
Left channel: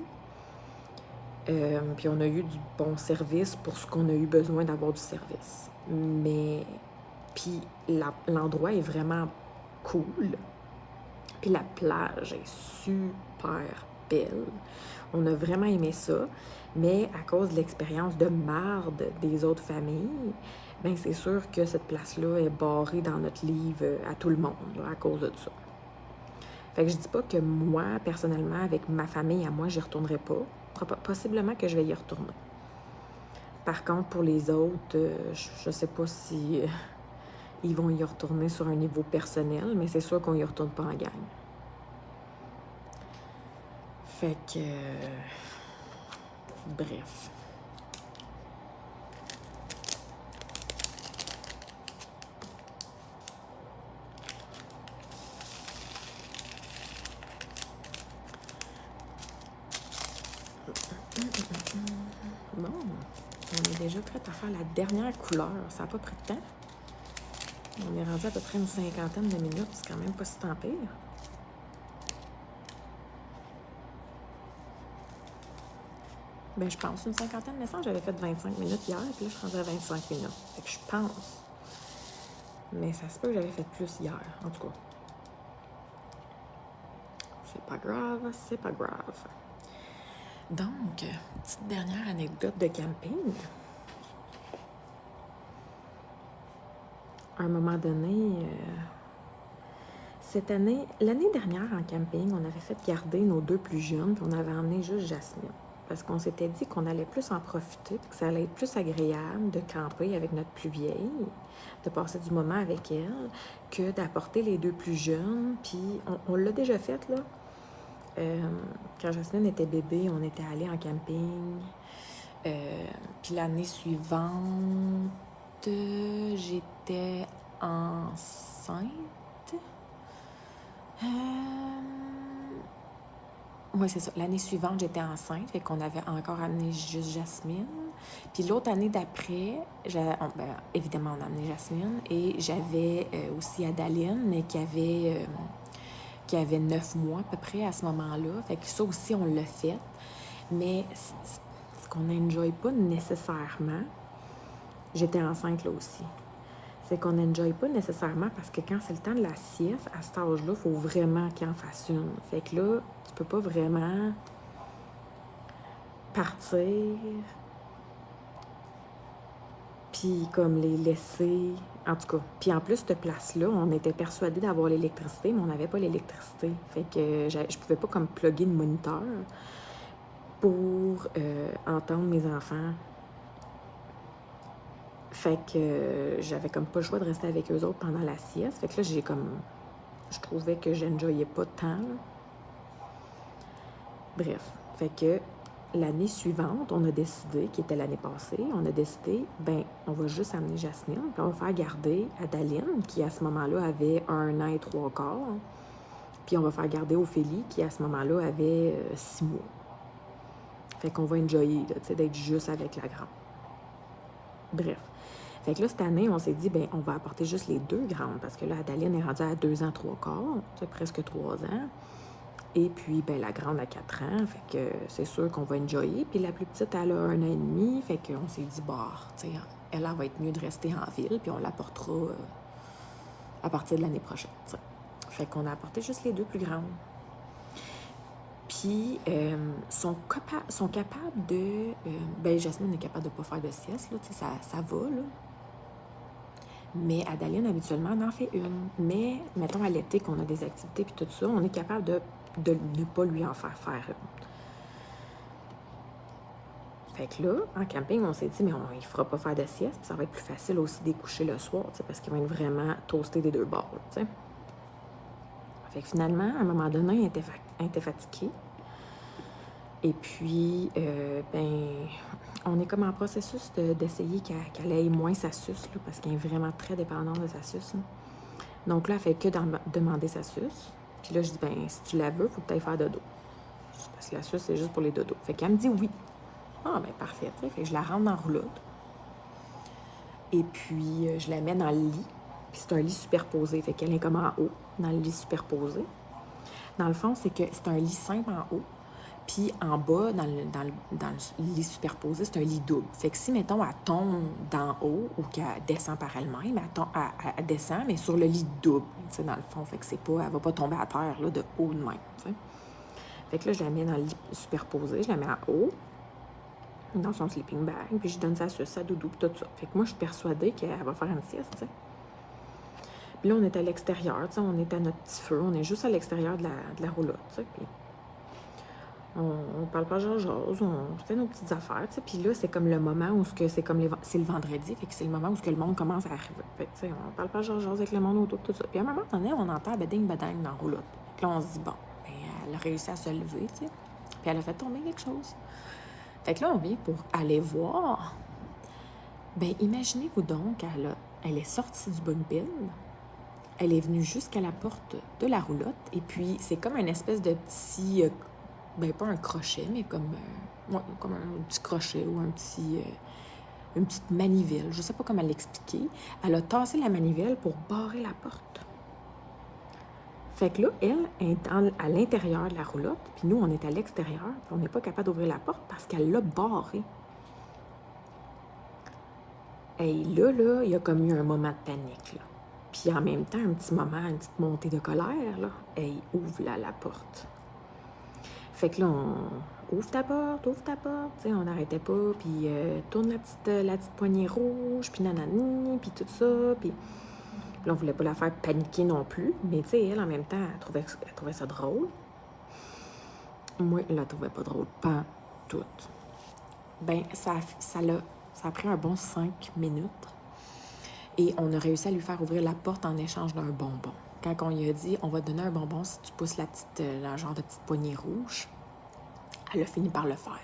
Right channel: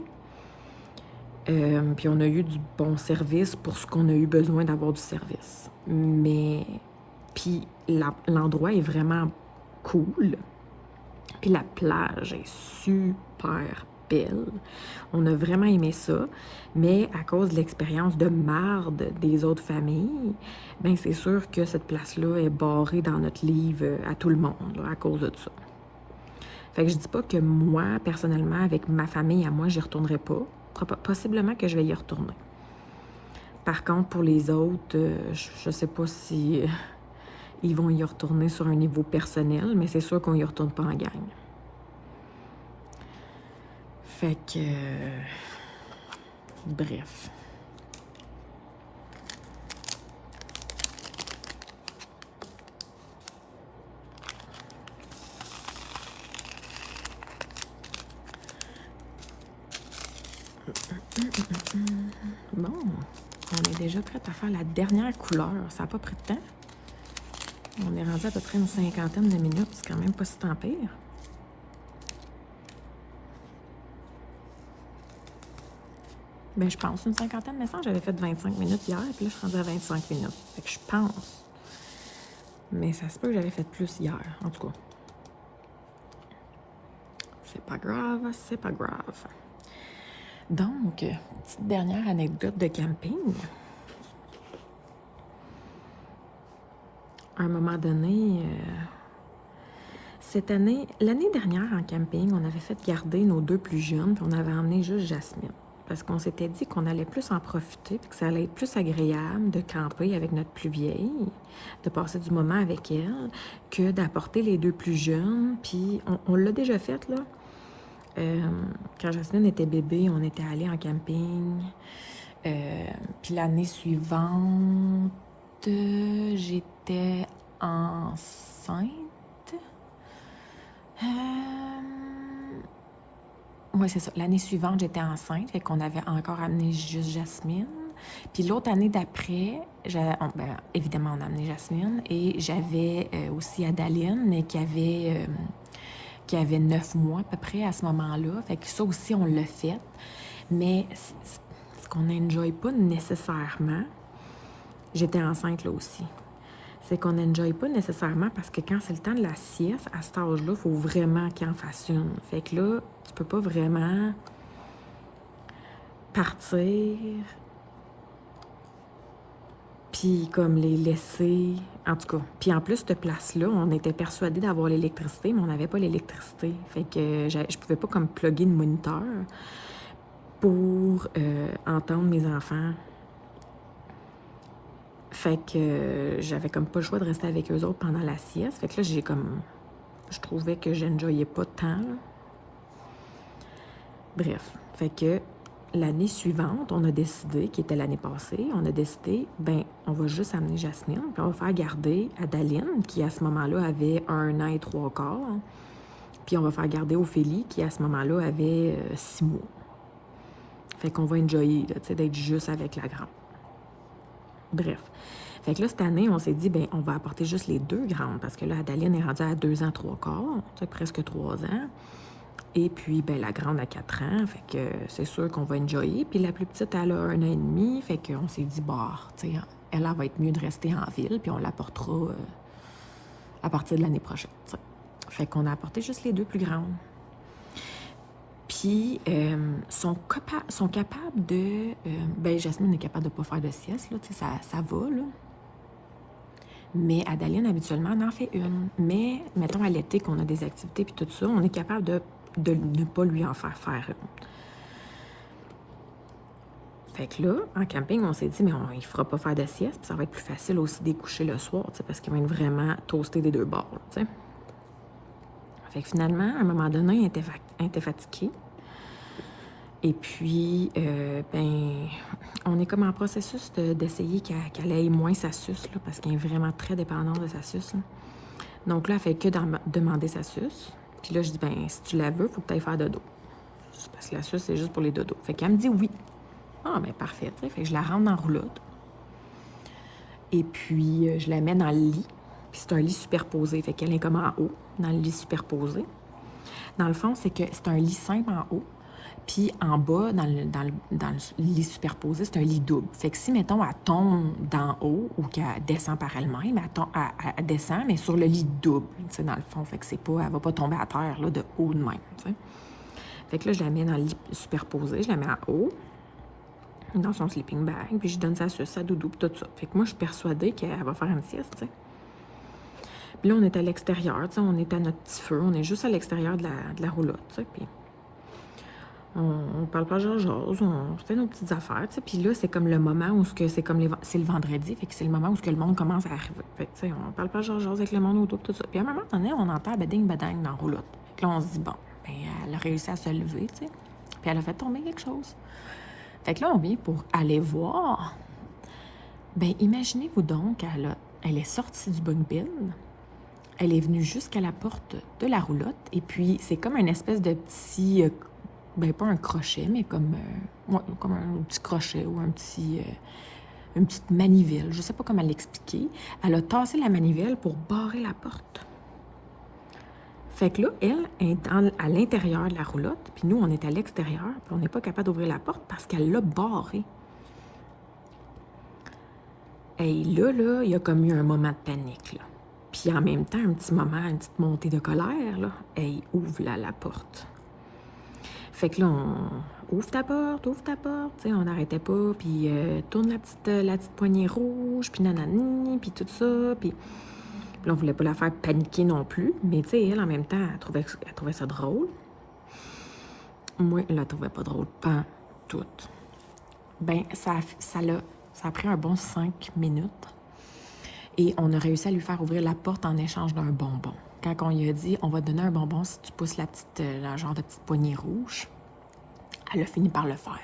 puis on a eu du bon service pour ce qu'on a eu besoin d'avoir du service. Mais, puis l'endroit est vraiment cool. Puis la plage est super belle. On a vraiment aimé ça. Mais à cause de l'expérience de marde des autres familles, bien c'est sûr que cette place-là est barrée dans notre livre à tout le monde, là, à cause de ça. Fait que je dis pas que moi, personnellement, avec ma famille à moi, j'y retournerai pas. Possiblement que je vais y retourner. Par contre, pour les autres, je sais pas si ils vont y retourner sur un niveau personnel, mais c'est sûr qu'on y retourne pas en gang. Fait que... bref. Bon, on est déjà prêt à faire la dernière couleur. Ça n'a pas pris de temps. On est rendu à peu près une 50aine de minutes. C'est quand même pas si tant pire. Ben, je pense une cinquantaine, mais ça, j'avais fait 25 minutes hier, puis là, je suis rendue à 25 minutes. Fait que je pense. Mais ça se peut que j'avais fait plus hier, en tout cas. C'est pas grave, c'est pas grave. Donc, petite dernière anecdote de camping. À un moment donné, cette année, l'année dernière en camping, on avait fait garder nos deux plus jeunes, puis on avait emmené juste Jasmine. Parce qu'on s'était dit qu'on allait plus en profiter, puis que ça allait être plus agréable de camper avec notre plus vieille, de passer du moment avec elle, que d'apporter les deux plus jeunes. Puis on l'a déjà fait, là. Quand Jasmine était bébé, on était allé en camping. Puis l'année suivante, j'étais enceinte. Oui, c'est ça. L'année suivante, j'étais enceinte, fait qu'on avait encore amené juste Jasmine. Puis l'autre année d'après, évidemment, on a amené Jasmine et j'avais aussi Adaline, mais qui avait 9 mois à peu près à ce moment-là. Fait que ça aussi, on l'a fait. Mais ce qu'on n'enjoye pas nécessairement, j'étais enceinte là aussi. C'est qu'on n'enjoye pas nécessairement parce que quand c'est le temps de la sieste, à cet âge-là, il faut vraiment qu'il en fasse une. Fait que là, tu peux pas vraiment partir puis comme les laisser. En tout cas, puis en plus, cette place-là, on était persuadés d'avoir l'électricité, mais on n'avait pas l'électricité. Fait que je pouvais pas comme plugger le moniteur pour entendre mes enfants. Fait que j'avais comme pas le choix de rester avec eux autres pendant la sieste. Fait que là, je trouvais que j'enjoyais pas tant. Bref, fait que l'année suivante, on a décidé, qui était l'année passée, on a décidé, on va juste amener Jasmine, puis on va faire garder Adaline, qui à ce moment-là avait 1 an et 3 quarts, puis on va faire garder Ophélie, qui à ce moment-là avait 6 mois. Fait qu'on va enjoyer, tu sais, d'être juste avec la grande. Bref. Fait que là, cette année, on s'est dit, on va apporter juste les 2 grandes, parce que là, Adaline est rendue à 2 ans, 3 quarts, tu sais, presque 3 ans. Et puis, la grande a 4 ans, fait que c'est sûr qu'on va enjoyer. Puis la plus petite, elle a 1 an et demi, fait qu'on s'est dit, tu sais, elle va être mieux de rester en ville, puis on l'apportera à partir de l'année prochaine, t'sais. Fait qu'on a apporté juste les 2 plus grandes. Puis, sont capables de... Jasmine est capable de ne pas faire de sieste, là, ça va, là. Mais Adaline, habituellement, en fait une. Mais, mettons, à l'été, qu'on a des activités puis tout ça, on est capable de ne pas lui en faire une. Fait que là, en camping, on s'est dit, mais il ne fera pas faire de sieste, ça va être plus facile aussi d'écoucher le soir, parce qu'il va être vraiment toasté des 2 bords, t'sais. Fait que finalement, à un moment donné, il était fatigué. Et puis, on est comme en processus d'essayer qu'elle ait moins sa suce, là, parce qu'elle est vraiment très dépendante de sa suce, là. Donc là, elle fait que demander sa suce. Puis là, je dis, si tu la veux, il faut que tu ailles faire dodo. Parce que la suce, c'est juste pour les dodos. Fait qu'elle me dit oui. Ah, parfait, tu sais. Fait que je la rentre dans la roulotte. Et puis, je la mets dans le lit. Puis c'est un lit superposé. Fait qu'elle est comme en haut, dans le lit superposé. Dans le fond, c'est que c'est un lit simple en haut. Puis en bas, dans le lit superposé, c'est un lit double. Fait que si, mettons, elle tombe d'en haut ou qu'elle descend par elle-même, elle descend, mais sur le lit double, tu sais, dans le fond. Fait que elle va pas tomber à terre, là, de haut de même, tu sais. Fait que là, je la mets dans le lit superposé, je la mets en haut, dans son sleeping bag, puis je donne sa suce, sa doudou, puis tout ça. Fait que moi, je suis persuadée qu'elle va faire une sieste, tu sais. Puis là, on est à l'extérieur, tu sais, on est à notre petit feu, on est juste à l'extérieur de la roulotte, tu sais, puis... On parle pas genre, on fait nos petites affaires, tu sais. Puis là, c'est comme le moment où c'est le vendredi, fait que c'est le moment où que le monde commence à arriver. Fait que, tu sais, on parle pas genre avec le monde autour, tout ça. Puis à un moment donné, on entend beding-bedang dans la roulotte. Puis là, on se dit, elle a réussi à se lever, tu sais. Puis elle a fait tomber quelque chose. Fait que là, on vient pour aller voir. Imaginez-vous donc, elle est sortie du bunk bed. Elle est venue jusqu'à la porte de la roulotte. Et puis, c'est comme une espèce de petit... pas un crochet, mais comme un petit crochet ou une petite manivelle. Je ne sais pas comment l'expliquer. Elle a tassé la manivelle pour barrer la porte. Fait que là, elle est à l'intérieur de la roulotte, puis nous, on est à l'extérieur, puis on n'est pas capable d'ouvrir la porte parce qu'elle l'a barrée. Et là, il y a comme eu un moment de panique, là. Puis en même temps, un petit moment, une petite montée de colère, là. Hey, ouvre la porte. Fait que là, on ouvre ta porte, tu sais, on n'arrêtait pas, puis tourne la petite poignée rouge, puis nanani, puis tout ça, puis là, on voulait pas la faire paniquer non plus, mais tu sais, elle, en même temps, elle trouvait ça drôle. Moi, je la trouvais pas drôle, pas tout. Ben, ça a pris un bon 5 minutes, et on a réussi à lui faire ouvrir la porte en échange d'un bonbon. Quand on lui a dit, on va te donner un bonbon si tu pousses la genre de petite poignée rouge, elle a fini par le faire.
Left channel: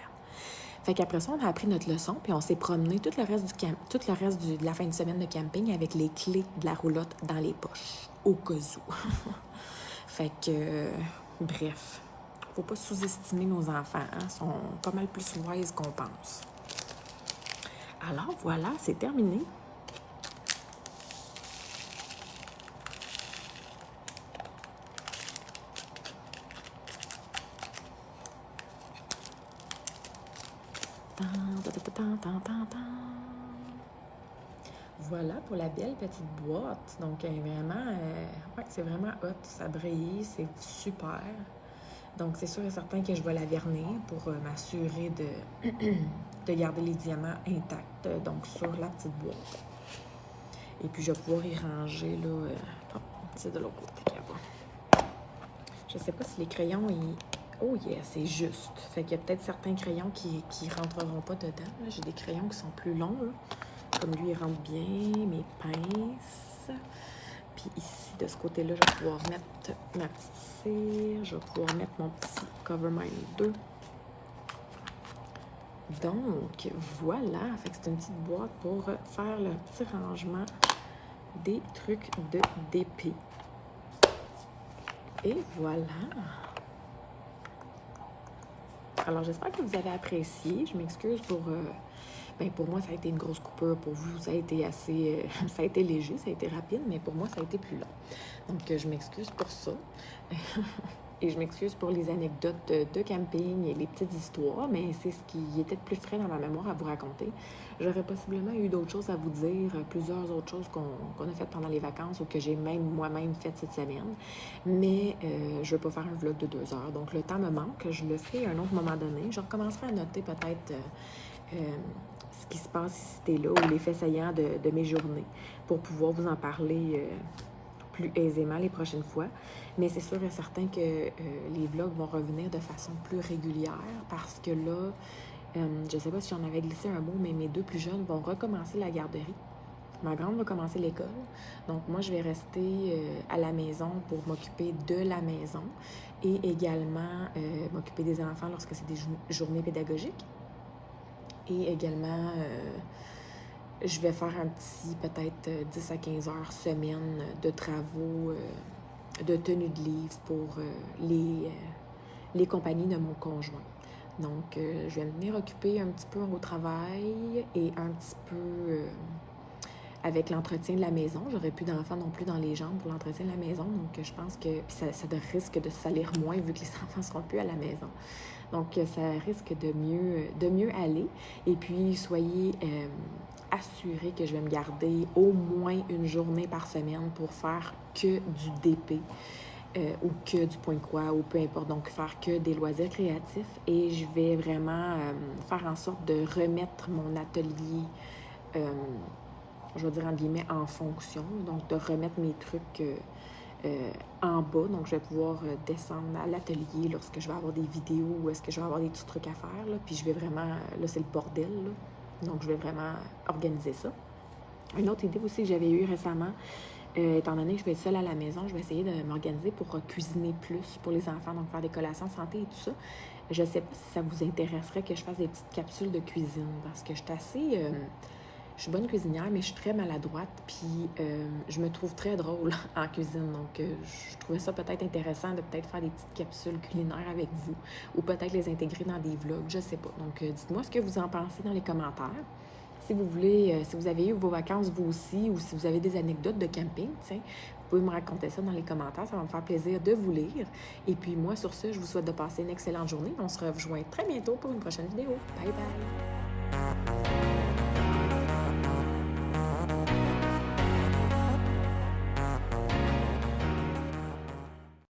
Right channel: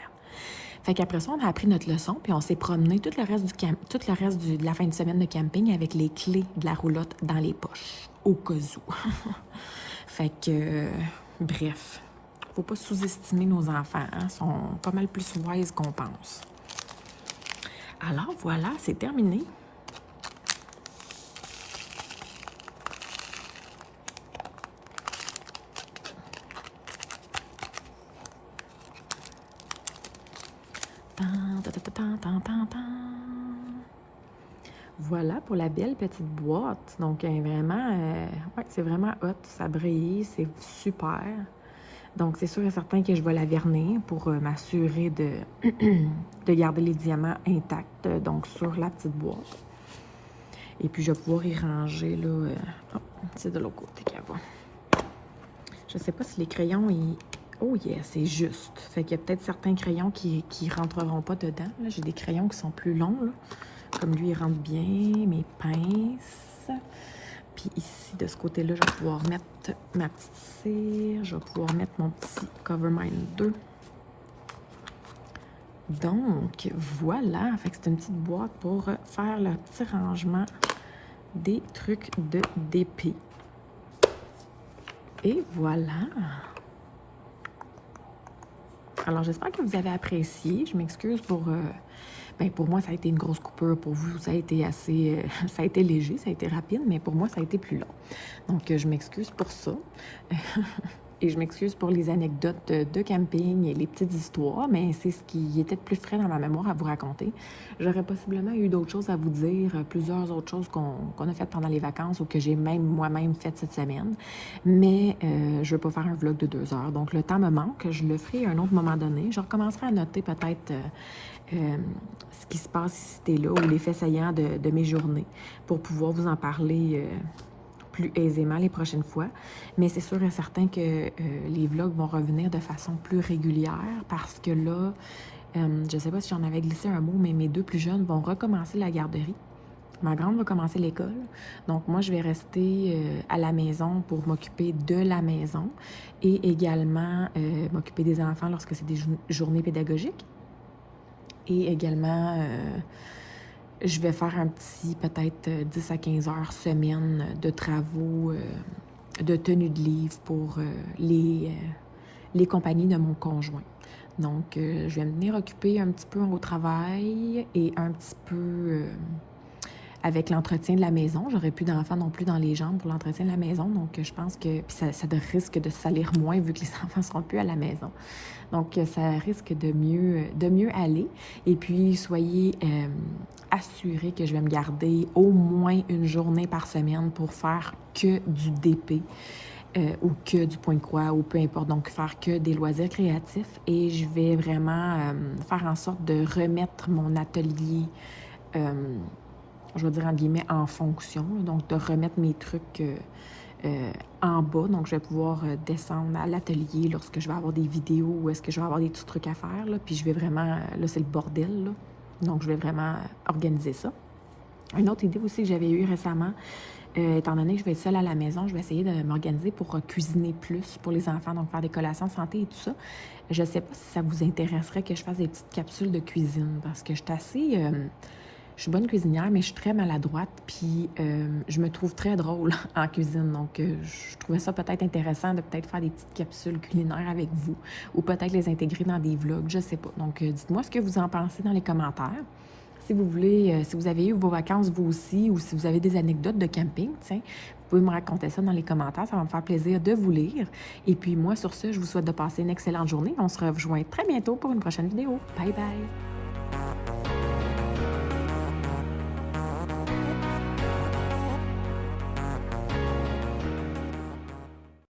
Fait qu'après ça, on a appris notre leçon, puis on s'est promené tout le reste de la fin de semaine de camping avec les clés de la roulotte dans les poches, au cas où. Fait que, bref, faut pas sous-estimer nos enfants, hein? Ils sont pas mal plus wise qu'on pense. Alors voilà, c'est terminé. Voilà pour la belle petite boîte. Donc, vraiment, ouais, c'est vraiment hot. Ça brille, c'est super. Donc, c'est sûr et certain que je vais la vernir pour m'assurer de garder les diamants intacts, donc sur la petite boîte. Et puis, je vais pouvoir y ranger, là, c'est de l'autre côté qu'elle va. Je sais pas si les crayons, oh yeah, c'est juste. Fait qu'il y a peut-être certains crayons qui rentreront pas dedans. J'ai des crayons qui sont plus longs, là. Comme lui, il rentre bien. Mes pinces. Puis ici, de ce côté-là, je vais pouvoir mettre ma petite cire. Je vais pouvoir mettre mon petit Covermind 2. Donc, voilà. Fait que c'est une petite boîte pour faire le petit rangement des trucs d'épée. Et voilà. Alors, j'espère que vous avez apprécié. Je m'excuse pour... pour moi, ça a été une grosse coupure. Pour vous, ça a été assez... ça a été léger, ça a été rapide, mais pour moi, ça a été plus long. Donc, je m'excuse pour ça. Et je m'excuse pour les anecdotes de camping et les petites histoires, mais c'est ce qui était le plus frais dans ma mémoire à vous raconter. J'aurais possiblement eu d'autres choses à vous dire, plusieurs autres choses qu'on a faites pendant les vacances ou que j'ai même moi-même faites cette semaine. Mais je ne veux pas faire un vlog de 2 heures. Donc, le temps me manque. Je le ferai à un autre moment donné. Je recommencerai à noter peut-être ce qui se passe si c'était là ou les faits saillants de mes journées pour pouvoir vous en parler plus aisément les prochaines fois. Mais c'est sûr et certain que les vlogs vont revenir de façon plus régulière parce que là, je ne sais pas si j'en avais glissé un mot, mais mes 2 plus jeunes vont recommencer la garderie. Ma grande va commencer l'école. Donc, moi, je vais rester à la maison pour m'occuper de la maison et également m'occuper des enfants lorsque c'est des journées pédagogiques. Et également... je vais faire un petit, peut-être 10 à 15 heures semaine de travaux, de tenue de livre pour les compagnies de mon conjoint. Donc, je vais me venir occuper un petit peu au travail et un petit peu avec l'entretien de la maison. J'aurais plus d'enfants non plus dans les jambes pour l'entretien de la maison. Donc, je pense que ça risque de salir moins vu que les enfants ne seront plus à la maison. Donc, ça risque de mieux aller. Et puis, soyez assurés que je vais me garder au moins une journée par semaine pour faire que du DP ou que du point de croix ou peu importe. Donc, faire que des loisirs créatifs. Et je vais vraiment faire en sorte de remettre mon atelier, je vais dire en guillemets, en fonction. Donc, de remettre mes trucs... en bas, donc je vais pouvoir descendre à l'atelier lorsque je vais avoir des vidéos ou est-ce que je vais avoir des petits trucs à faire, là, puis je vais vraiment, là c'est le bordel, là, donc je vais vraiment organiser ça. Une autre idée aussi que j'avais eue récemment, étant donné que je vais être seule à la maison, je vais essayer de m'organiser pour cuisiner plus pour les enfants, donc faire des collations santé et tout ça. Je ne sais pas si ça vous intéresserait que je fasse des petites capsules de cuisine, parce que je suis assez... je suis bonne cuisinière, mais je suis très maladroite, puis je me trouve très drôle en cuisine. Donc, je trouvais ça peut-être intéressant de peut-être faire des petites capsules culinaires avec vous, ou peut-être les intégrer dans des vlogs, je sais pas. Donc, dites-moi ce que vous en pensez dans les commentaires. si vous voulez, si vous avez eu vos vacances vous aussi, ou si vous avez des anecdotes de camping, tiens, vous pouvez me raconter ça dans les commentaires. Ça va me faire plaisir de vous lire. Et puis moi, sur ce, je vous souhaite de passer une excellente journée. On se rejoint très bientôt pour une prochaine vidéo. Bye bye!